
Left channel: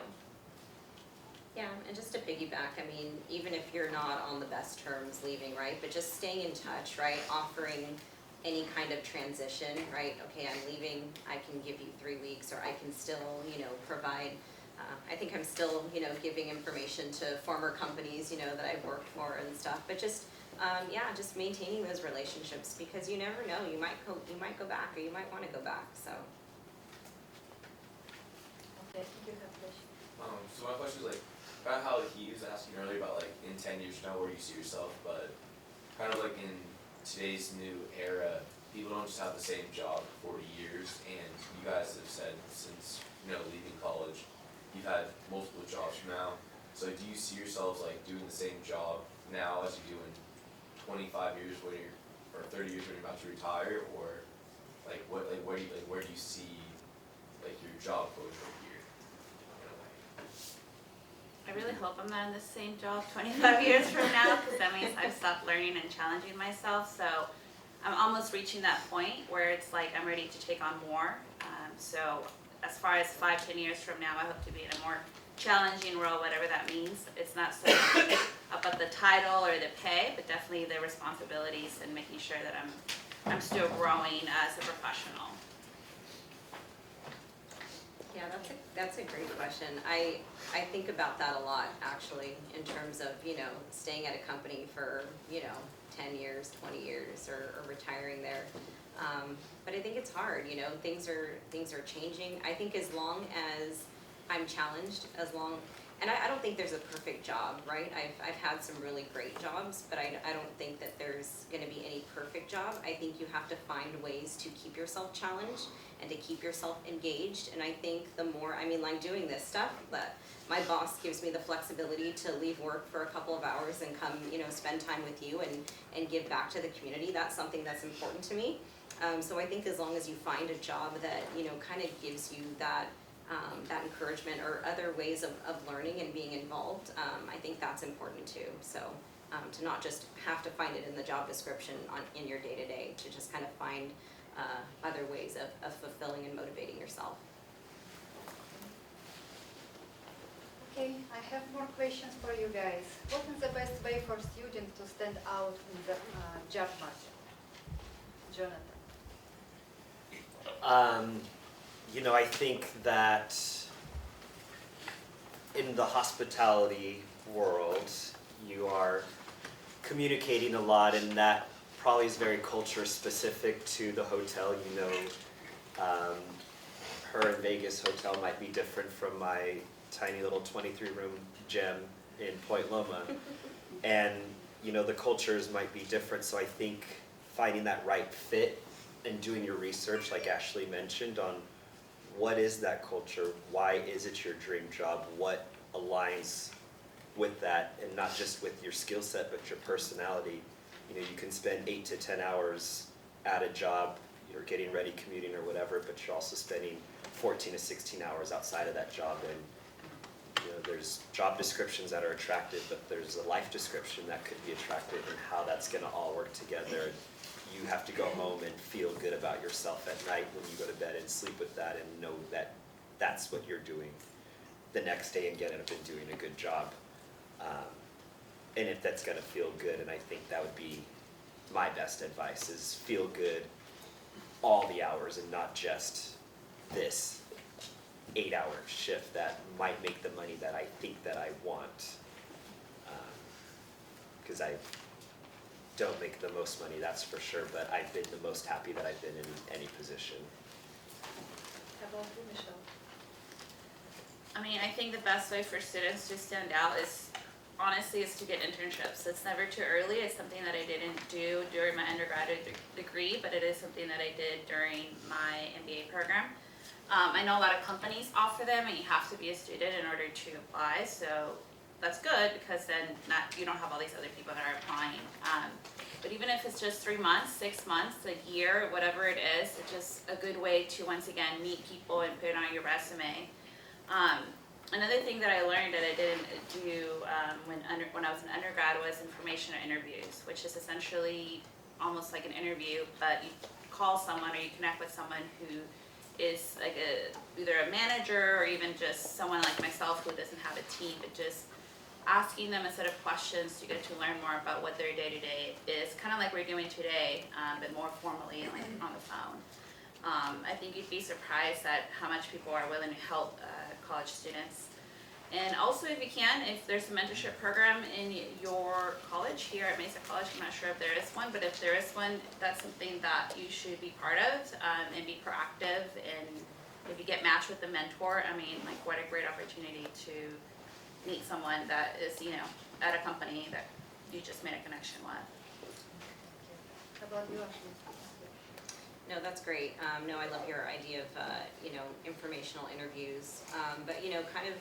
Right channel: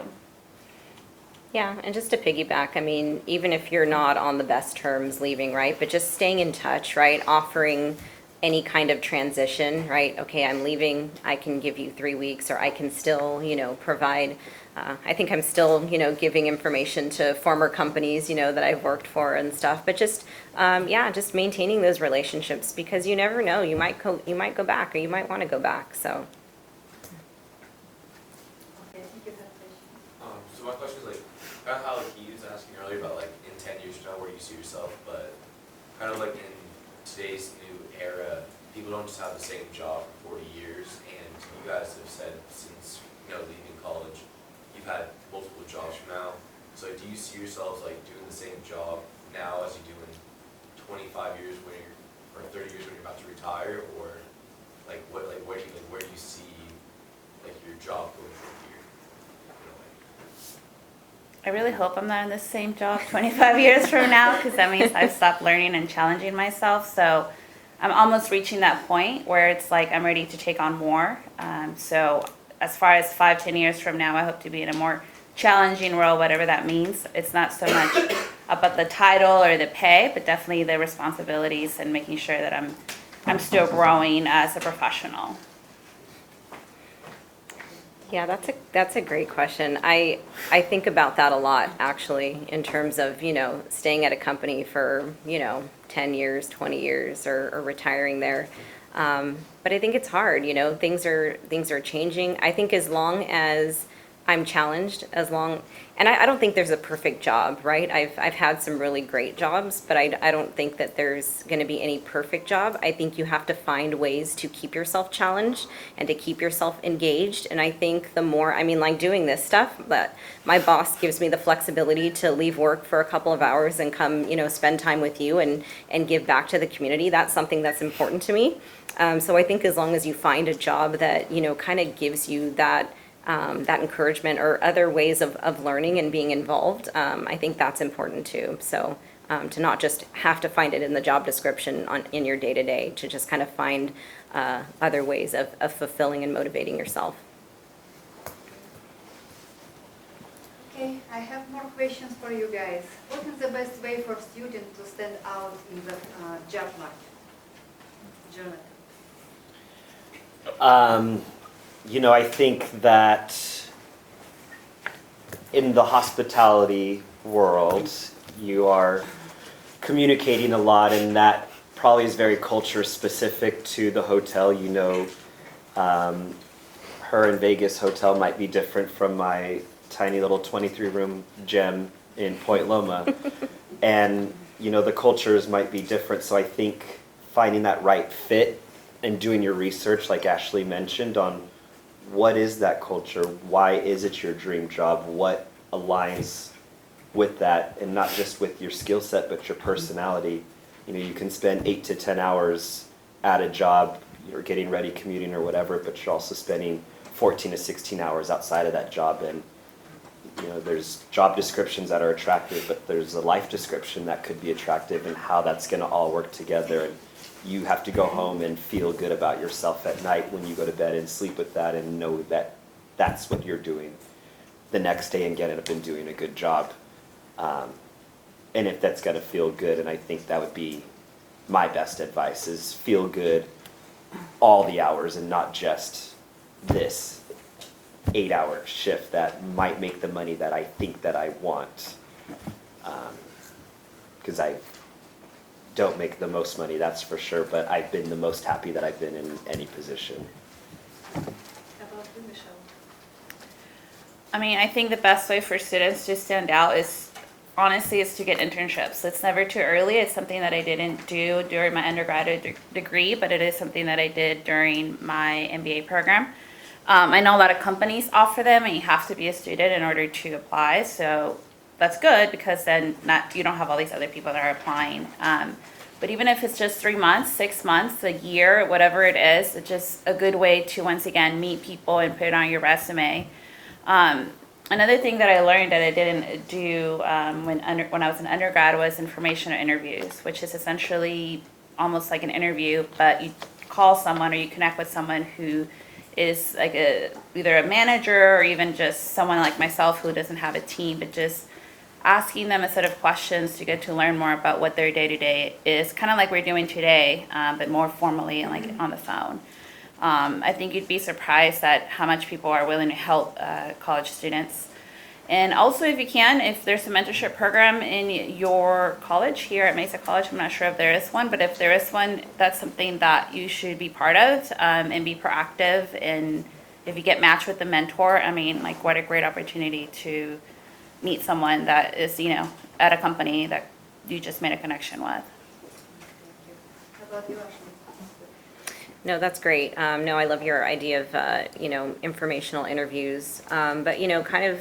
Yeah, and just to piggyback, I mean, even if you're not on the best terms leaving, right, but just staying in touch, right, offering any kind of transition, right, okay, I'm leaving, I can give you 3 weeks, or I can still, you know, provide, I think I'm still, you know, giving information to former companies, you know, that I've worked for and stuff, but just, yeah, just maintaining those relationships, because you never know, you might go back, or you might want to go back, so. Okay, thank you, Hatice. So my question is like, kind of how like he was asking earlier about like in 10 years from now where you see yourself, but kind of like in today's new era, people don't just have the same job for 40 years, and you guys have said since, you know, leaving college, you've had multiple jobs from now. So do you see yourselves like doing the same job now as you do in 25 years when you're, or 30 years when you're about to retire, or like what, like where do you see like your job going from here? You know, like, I really hope I'm not in the same job 25 years from now, because that means I've stopped learning and challenging myself. So I'm almost reaching that point where it's like I'm ready to take on more. So as far as 5-10 years from now, I hope to be in a more challenging role, whatever that means. It's not so much about the title or the pay, but definitely the responsibilities and making sure that I'm still growing as a professional. Yeah, that's a great question. I think about that a lot, actually, in terms of, you know, staying at a company for, you know, 10 years, 20 years, or retiring there. But I think it's hard, you know, things are changing. I think as long as I'm challenged, and I don't think there's a perfect job, right? I've had some really great jobs, but I don't think that there's going to be any perfect job. I think you have to find ways to keep yourself challenged and to keep yourself engaged. And I think the more, I mean, like doing this stuff, but my boss gives me the flexibility to leave work for a couple of hours and come, you know, spend time with you and give back to the community. That's something that's important to me. So I think as long as you find a job that, you know, kind of gives you that that encouragement or other ways of learning and being involved, I think that's important too. So to not just have to find it in the job description in your day-to-day, to just kind of find other ways of fulfilling and motivating yourself. Okay, I have more questions for you guys. What is the best way for students to stand out in the job market? Jonathan. I think that in the hospitality world, you are communicating a lot, and that probably is very culture specific to the hotel. Her in Vegas hotel might be different from my tiny little 23-room gem in Point Loma. And, the cultures might be different. So I think finding that right fit and doing your research, like Ashley mentioned, on what is that culture? Why is it your dream job? What aligns with that? And not just with your skill set, but your personality. You can spend 8 to 10 hours at a job, you're getting ready, commuting or whatever, but you're also spending 14 to 16 hours outside of that job. And there's job descriptions that are attractive, but there's a life description that could be attractive, and how that's going to all work together. And you have to go home and feel good about yourself at night when you go to bed and sleep with that, and know that that's what you're doing the next day and getting up and doing a good job. And if that's going to feel good, and I think that would be my best advice, is feel good all the hours and not just this 8-hour shift that might make the money that I think that I want. Because I don't make the most money, that's for sure, but I've been the most happy that I've been in any position. How about you, Michelle? I think the best way for students to stand out is to get internships. It's never too early. It's something that I didn't do during my undergraduate degree, but it is something that I did during my MBA program. I know a lot of companies offer them, and you have to be a student in order to apply. So that's good, because then you don't have all these other people that are applying. But even if it's just 3 months, 6 months, a year, whatever it is, it's just a good way to once again meet people and put it on your resume. Another thing that I learned that I didn't do when I was an undergrad was informational interviews, which is essentially almost like an interview, but you call someone or you connect with someone who is like either a manager or even just someone like myself who doesn't have a team, but just asking them a set of questions to get to learn more about what their day-to-day is, kind of like we're doing today, but more formally and like on the phone. I think you'd be surprised at how much people are willing to help college students. And also, if you can, if there's a mentorship program in your college here at Mesa College, I'm not sure if there is one, but if there is one, that's something that you should be part of and be proactive. And if you get matched with a mentor, what a great opportunity to meet someone that is, at a company that you just made a connection with. How about you, Ashley? No, that's great. No, I love your idea of, informational interviews. But, kind of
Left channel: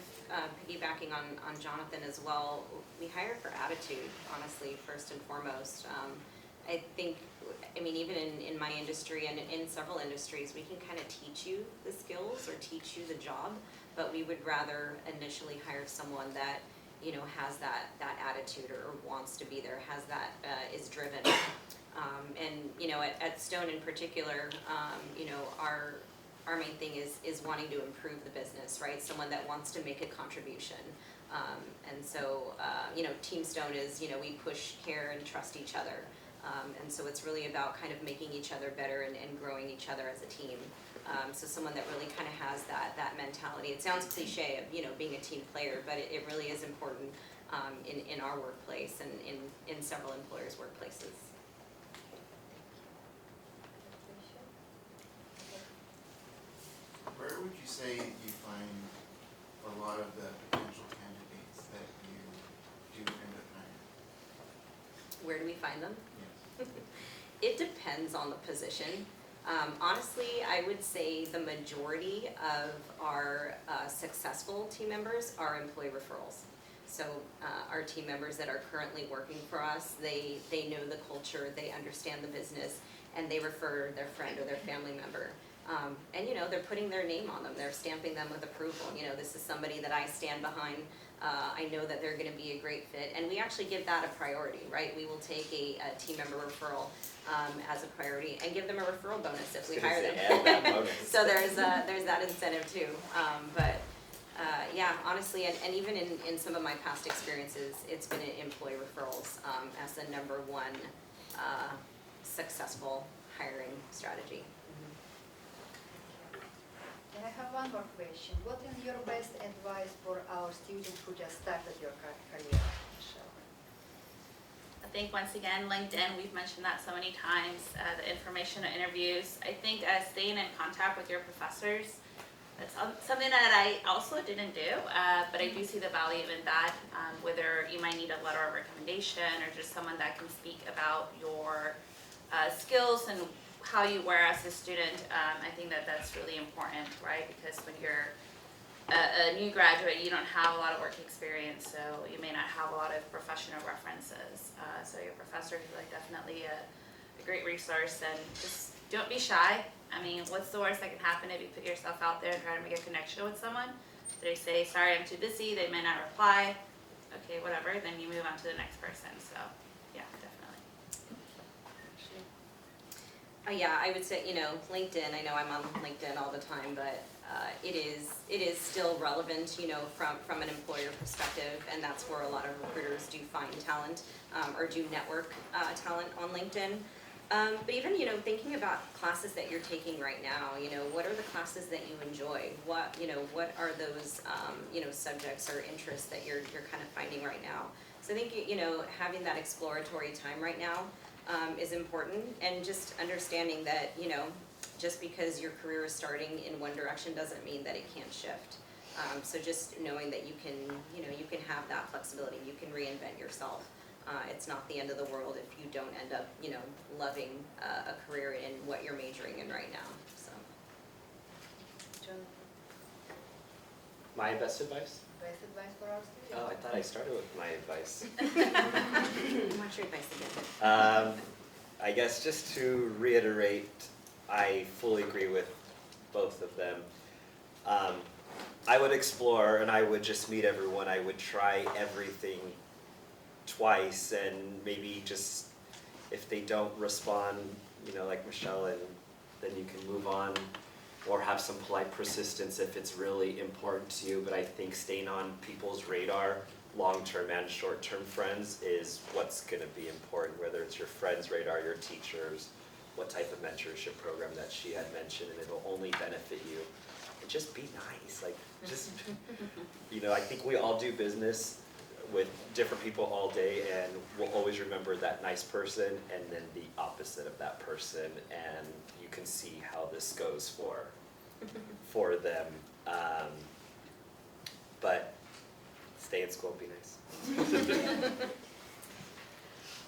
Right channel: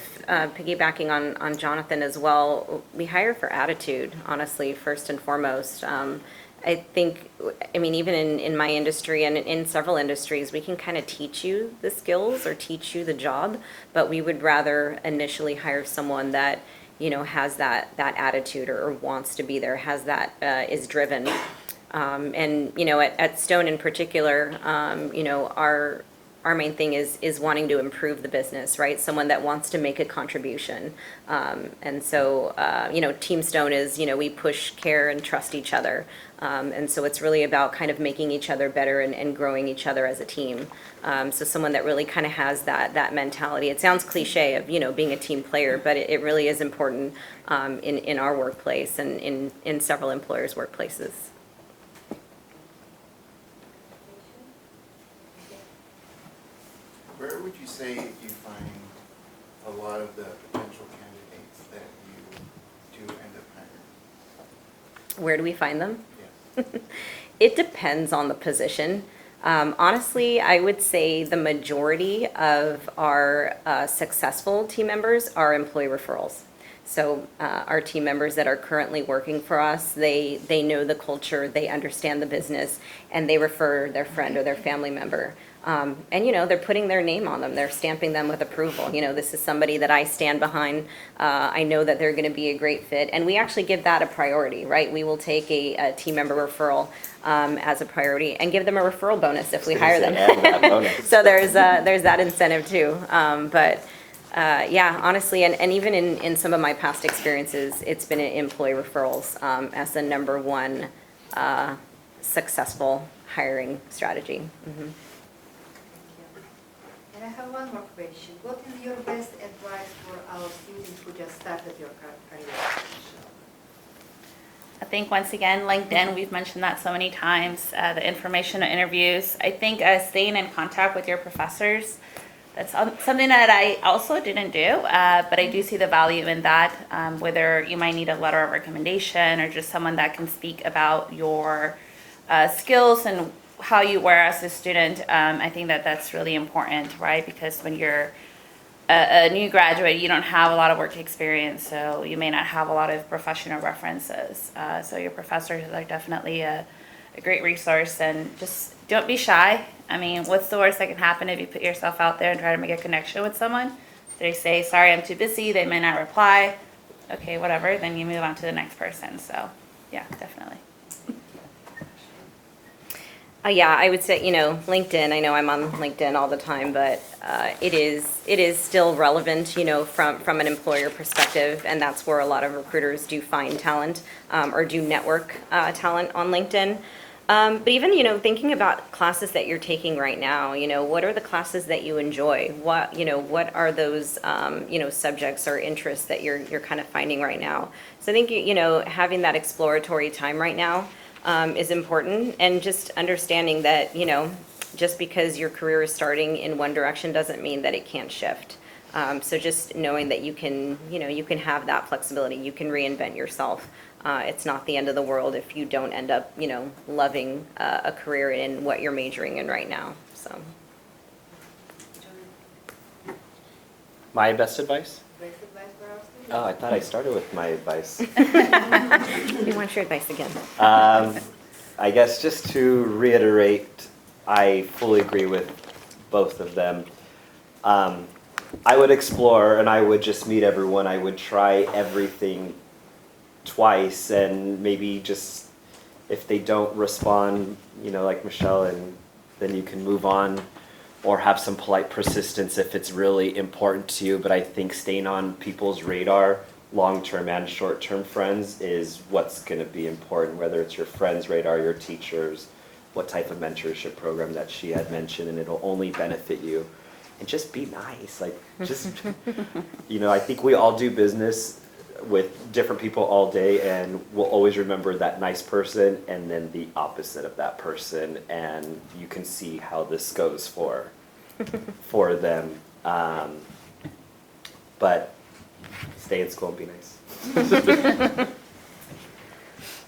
piggybacking on Jonathan as well, we hire for attitude, honestly, first and foremost. I think, even in my industry and in several industries, we can kind of teach you the skills or teach you the job, but we would rather initially hire someone that, has that attitude or wants to be there, has that, is driven. And, at Stone in particular, our main thing is wanting to improve the business, right? Someone that wants to make a contribution. And so, Team Stone is, we push, care, and trust each other. And so it's really about kind of making each other better and growing each other as a team. So someone that really kind of has that mentality. It sounds cliche of, being a team player, but it really is important in our workplace and in several employers' workplaces. Where would you say you find a lot of the potential candidates that you do end up hiring? Where do we find them? Yes. It depends on the position. Honestly, I would say the majority of our successful team members are employee referrals. So our team members that are currently working for us, they know the culture, they understand the business, and they refer their friend or their family member. And, they're putting their name on them. They're stamping them with approval. This is somebody that I stand behind. I know that they're going to be a great fit. And we actually give that a priority, right? We will take a team member referral as a priority and give them a referral bonus if we hire them. And that bonus. So there's that incentive too. Yeah, honestly, and even in some of my past experiences, it's been employee referrals as the number one successful hiring strategy. Mm-hmm. And I have one more question. What is your best advice for our students who just started your career? I think once again, LinkedIn, we've mentioned that so many times, the information and interviews. I think staying in contact with your professors, that's something that I also didn't do, but I do see the value in that, whether you might need a letter of recommendation or just someone that can speak about your skills and how you were as a student. I think that that's really important, right? Because when you're a new graduate, you don't have a lot of work experience, so you may not have a lot of professional references. So your professors are definitely a great resource, and just don't be shy. I mean, what's the worst that can happen if you put yourself out there and try to make a connection with someone? They say, sorry, I'm too busy, they may not reply. Okay, whatever, then you move on to the next person. So yeah, definitely. Yeah, I would say, LinkedIn, I know I'm on LinkedIn all the time, but it is still relevant, from an employer perspective, and that's where a lot of recruiters do find talent or do network talent on LinkedIn. But even, thinking about classes that you're taking right now, what are the classes that you enjoy? What are those, subjects or interests that you're kind of finding right now? So I think, having that exploratory time right now is important, and just understanding that, just because your career is starting in one direction doesn't mean that it can't shift. So just knowing that you can have that flexibility, you can reinvent yourself. It's not the end of the world if you don't end up, loving a career in what you're majoring in right now. So. My best advice? Best advice for our students? Oh, I thought I started with my advice. You want your advice again? I guess just to reiterate, I fully agree with both of them. I would explore, and I would just meet everyone. I would try everything twice, and maybe just if they don't respond, like Michelle, and then you can move on, or have some polite persistence if it's really important to you. But I think staying on people's radar, long-term and short-term friends, is what's going to be important, whether it's your friends' radar, your teachers, what type of mentorship program that she had mentioned, and it'll only benefit you. And just be nice, I think we all do business with different people all day, and we'll always remember that nice person and then the opposite of that person, and you can see how this goes for them. But stay in school and be nice.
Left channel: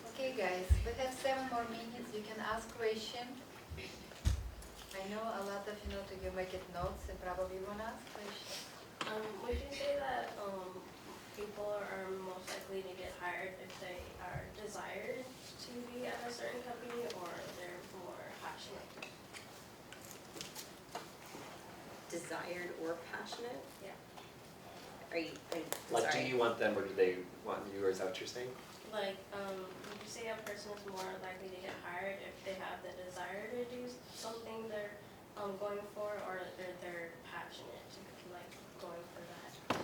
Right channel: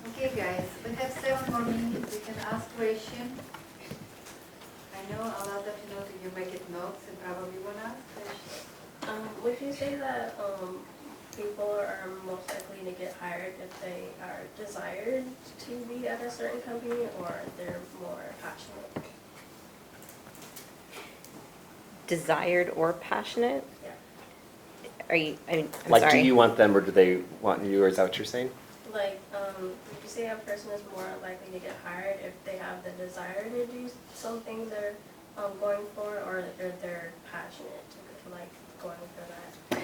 Okay, guys, we have 7 more minutes. We can ask questions. I know a lot of you make it notes and probably want to ask questions. Would you say that people are most likely to get hired if they are desired to be at a certain company, or they're more passionate? Desired or passionate? Yeah. I'm Like, sorry. do you want them, or do they want you, or is that what you're saying? Like, would you say a person is more likely to get hired if they have the desire to do something they're going for, or if they're passionate, like going for that?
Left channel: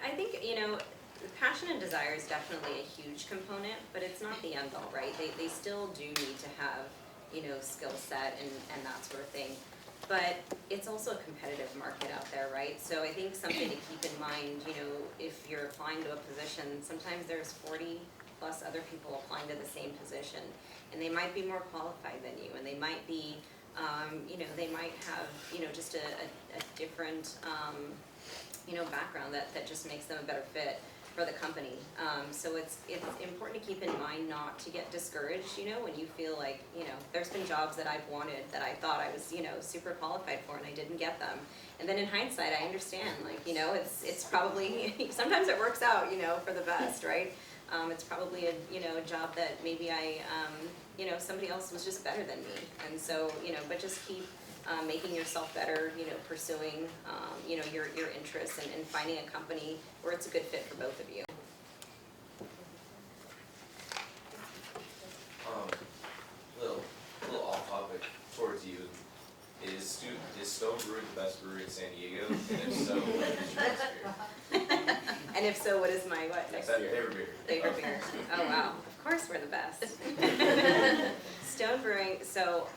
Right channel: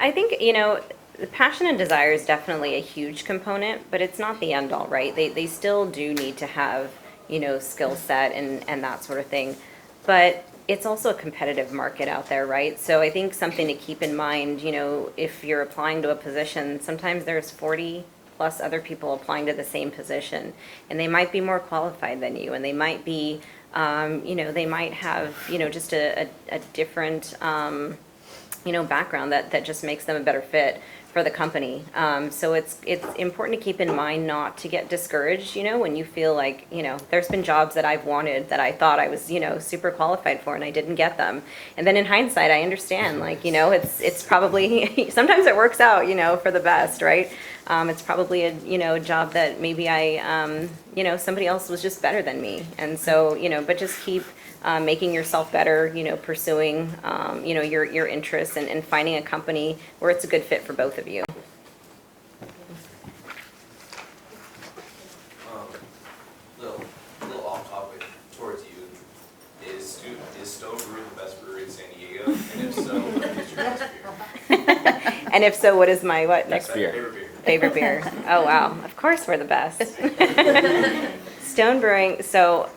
I think, the passion and desire is definitely a huge component, but it's not the end all, right? They still do need to have, skill set and that sort of thing. But it's also a competitive market out there, right? So I think something to keep in mind, if you're applying to a position, sometimes there's 40 plus other people applying to the same position, and they might be more qualified than you, and they might be, they might have, just a different, background that just makes them a better fit for the company. So it's important to keep in mind not to get discouraged, when you feel like, there's been jobs that I've wanted that I thought I was, super qualified for, and I didn't get them. And then in hindsight, I understand, it's probably, sometimes it works out, for the best, right? It's probably a job that maybe I, somebody else was just better than me. And so, but just keep making yourself better, pursuing, your interests and finding a company where it's a good fit for both of you. Little off topic towards you. Is Stone Brew the best brewery in San Diego? And if so, what is your best beer? And if so, what is my what? Next beer. Favorite beer. Favorite beer. Oh, wow. Of course we're the best. Stone Brewing. So,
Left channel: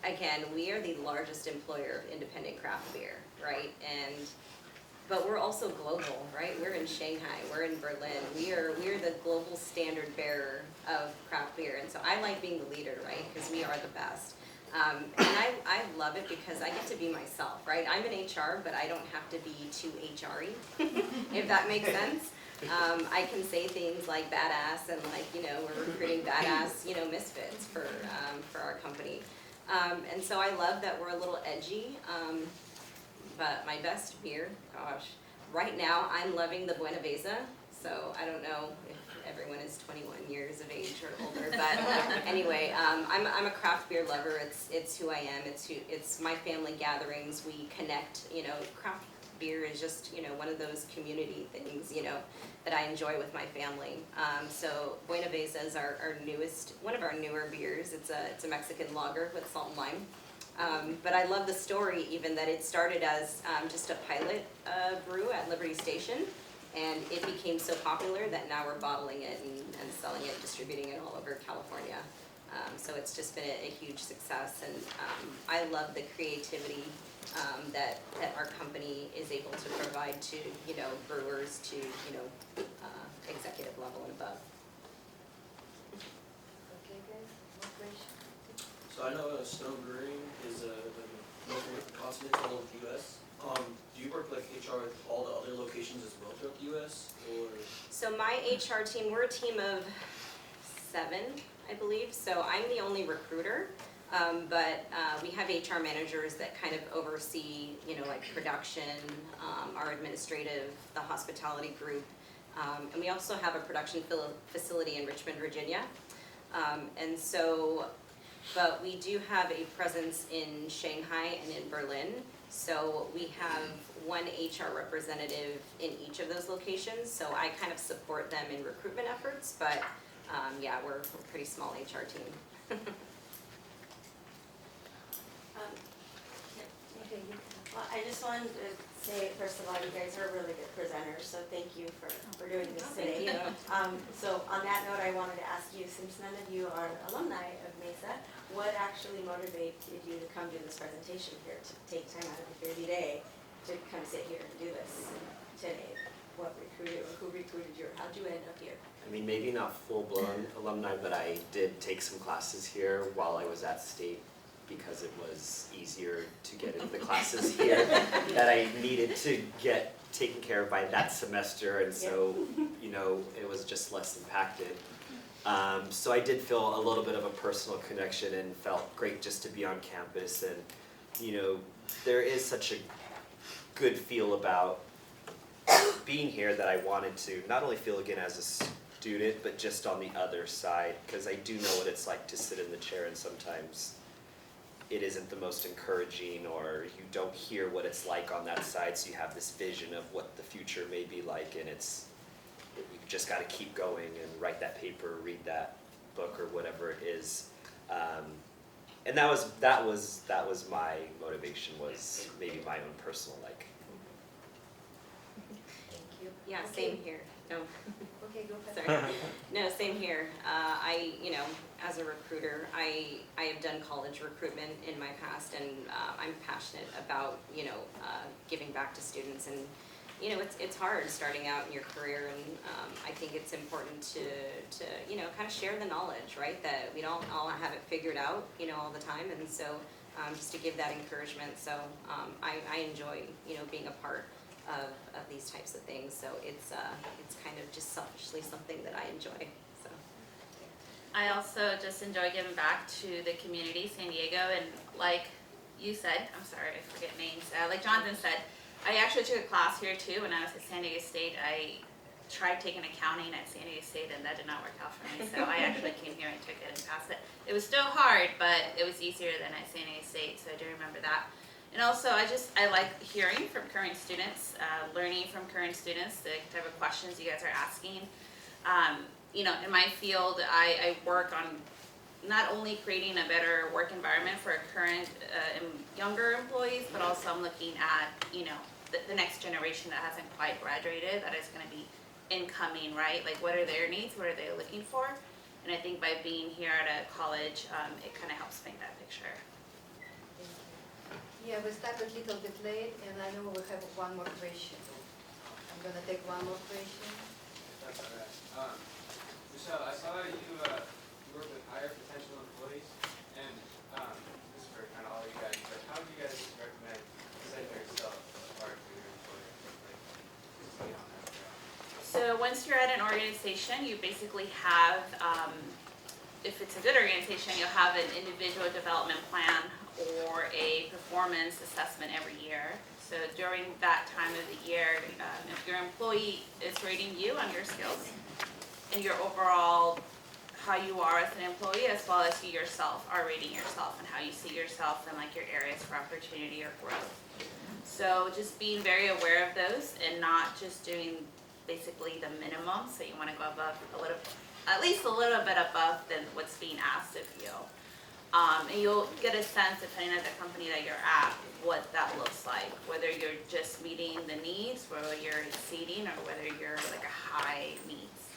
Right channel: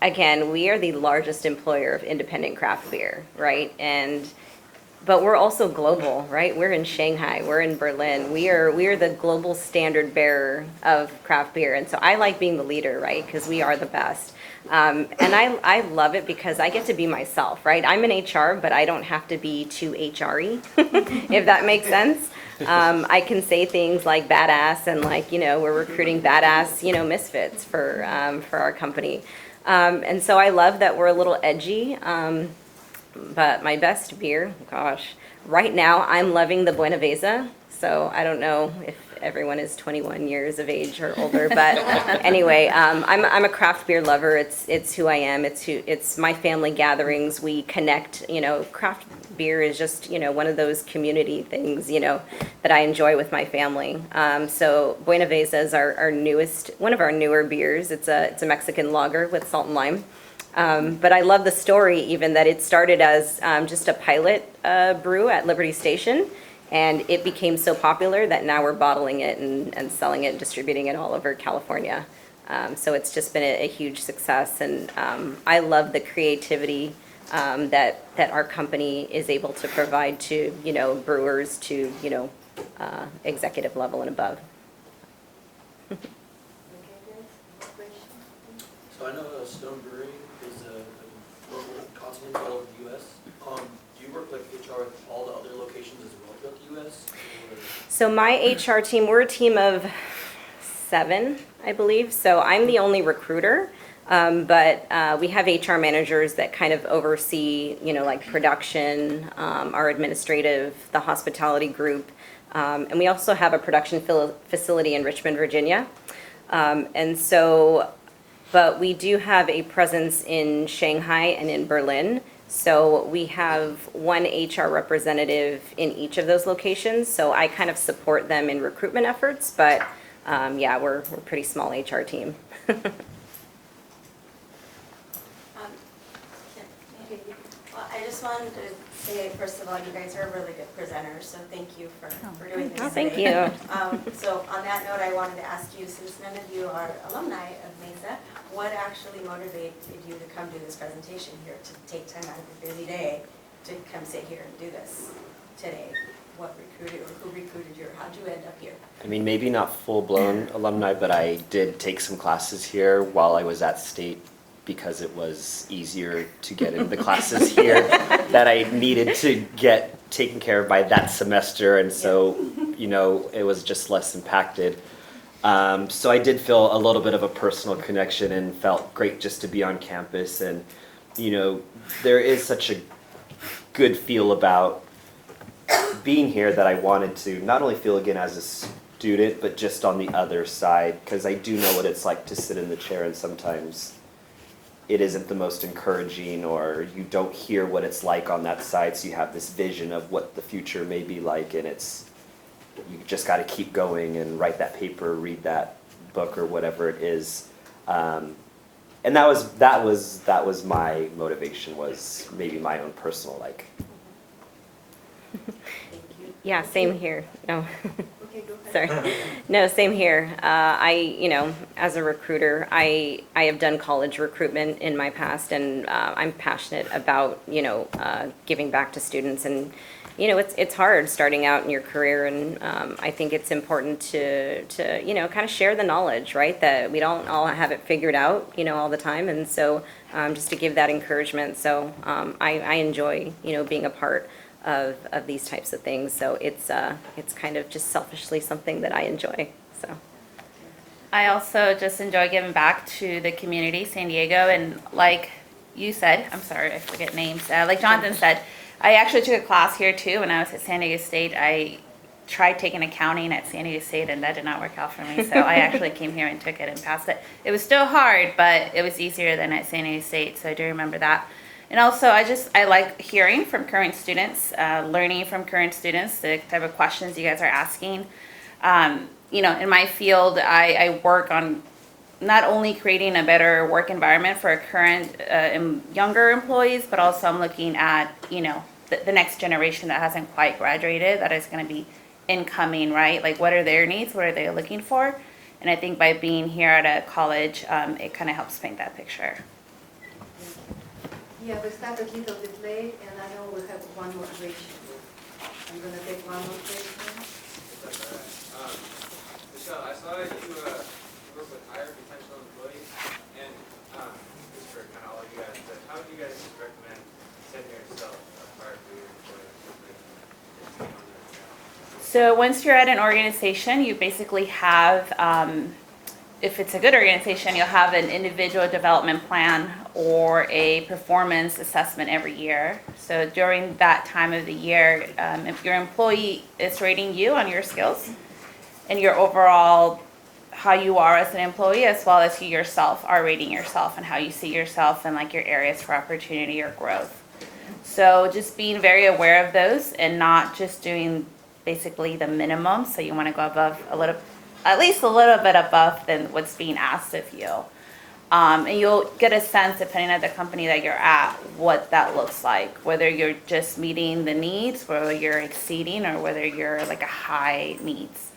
again, we are the largest employer of independent craft beer, right? But we're also global, right? We're in Shanghai. We're in Berlin. We are the global standard bearer of craft beer. And so I like being the leader, right? Because we are the best. And I love it because I get to be myself, right? I'm in HR, but I don't have to be too HR-y, if that makes sense. I can say things like badass and like, we're recruiting badass, misfits for our company. And so I love that we're a little edgy. But my best beer, gosh, right now I'm loving the Buenaveza. So I don't know if everyone is 21 years of age or older, but anyway, I'm a craft beer lover. It's who I am. It's my family gatherings. We connect. Craft beer is just one of those community things that I enjoy with my family. So Buenaveza is one of our newer beers. It's a Mexican lager with salt and lime. But I love the story even that it started as just a pilot brew at Liberty Station, and it became so popular that now we're bottling it and selling it and distributing it all over California. So it's just been a huge success, and I love the creativity that our company is able to provide to brewers to executive level and above. So I know Stone Brewing is a local consulate all over the U.S. Do you work like HR with all the other locations as well throughout the U.S.? So my HR team, we're a team of 7, I believe. So I'm the only recruiter, but we have HR managers that kind of oversee, like production, our administrative, the hospitality group, and we also have a production facility in Richmond, Virginia. But we do have a presence in Shanghai and in Berlin. So we have one HR representative in each of those locations. So I kind of support them in recruitment efforts, but we're a pretty small HR team. I just wanted to say, first of all, you guys are really good presenters, so thank you for doing this Oh, thank today. you. So on that note, I wanted to ask you, since none of you are alumni of Mesa, what actually motivated you to come do this presentation here, to take time out of your busy day to come sit here and do this today? What recruited, or who recruited you, or how'd you end up here? I mean, maybe not full-blown alumni, but I did take some classes here while I was at State because it was easier to get into the classes here that I needed to get taken care of by that semester, and so, it was just less impacted. So I did feel a little bit of a personal connection and felt great just to be on campus, and, there is such a good feel about being here that I wanted to not only feel again as a student, but just on the other side, because I do know what it's like to sit in the chair, and sometimes it isn't the most encouraging, or you don't hear what it's like on that side, so you have this vision of what the future may be like, and you just got to keep going and write that paper, read that book, or whatever it is. And that was my motivation, was maybe my own personal like. Yeah, same here. No. Okay, go ahead. Sorry. No, same here. As a recruiter, I have done college recruitment in my past, and I'm passionate about, giving back to students. And, it's hard starting out in your career, and I think it's important to kind of share the knowledge, right? That we don't all have it figured out, all the time. And so just to give that encouragement. So I enjoy, being a part of these types of things. So it's kind of just selfishly something that I enjoy. So I also just enjoy giving back to the community, San Diego, and like you said, I'm sorry, I forget names, like Jonathan said, I actually took a class here too when I was at San Diego State. I tried taking accounting at San Diego State and that did not work out for me. So I actually came here and took it and passed it. It was still hard, but it was easier than at San Diego State. So I do remember that. And also I like hearing from current students, learning from current students, the type of questions you guys are asking. You know, in my field, I work on not only creating a better work environment for current younger employees, but also I'm looking at, you know, the next generation that hasn't quite graduated, that is going to be incoming, right? Like, what are their needs? What are they looking for? And I think by being here at a college, it kind of helps paint that picture. Yeah, we start a little bit late, and I know we have one more question. I'm gonna take one more question. That's all right. Michelle, I saw that you work with higher potential employees, and this is for kind of all of you guys, but how would you guys recommend setting yourself apart for your employees? So once you're at an organization, you basically have, if it's a good organization, you'll have an individual development plan or a performance assessment every year. So during that time of the year, if your employee is rating you on your skills and your overall, how you are as an employee, as well as you yourself are rating yourself and how you see yourself and like your areas for opportunity or growth. So just being very aware of those and not just doing basically the minimum. So you want to go above at least a little bit above than what's being asked of you. And you'll get a sense, depending on the company that you're at, what that looks like. Whether you're just meeting the needs, whether you're exceeding, or whether you're like a high needs.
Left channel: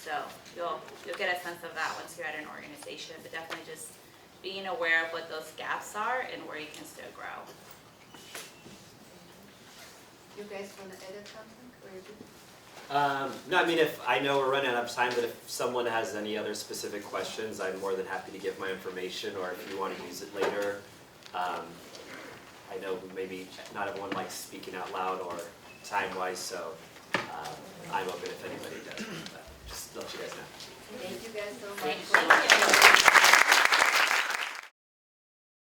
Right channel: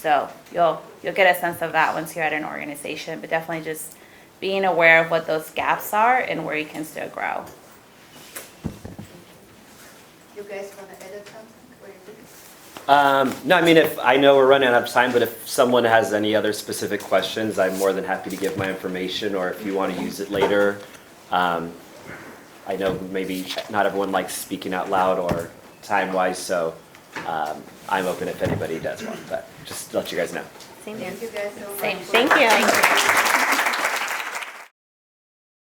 So you'll get a sense of that once you're at an organization. But definitely just being aware of what those gaps are and where you can still grow. You guys wanna edit something, or you good? No, I mean, if I know we're running out of time, but if someone has any other specific questions, I'm more than happy to give my information, or if you want to use it later. I know maybe not everyone likes speaking out loud or time-wise, so I'm open if anybody does want, but just to let you guys know. Same Thank you guys so much. Thank you.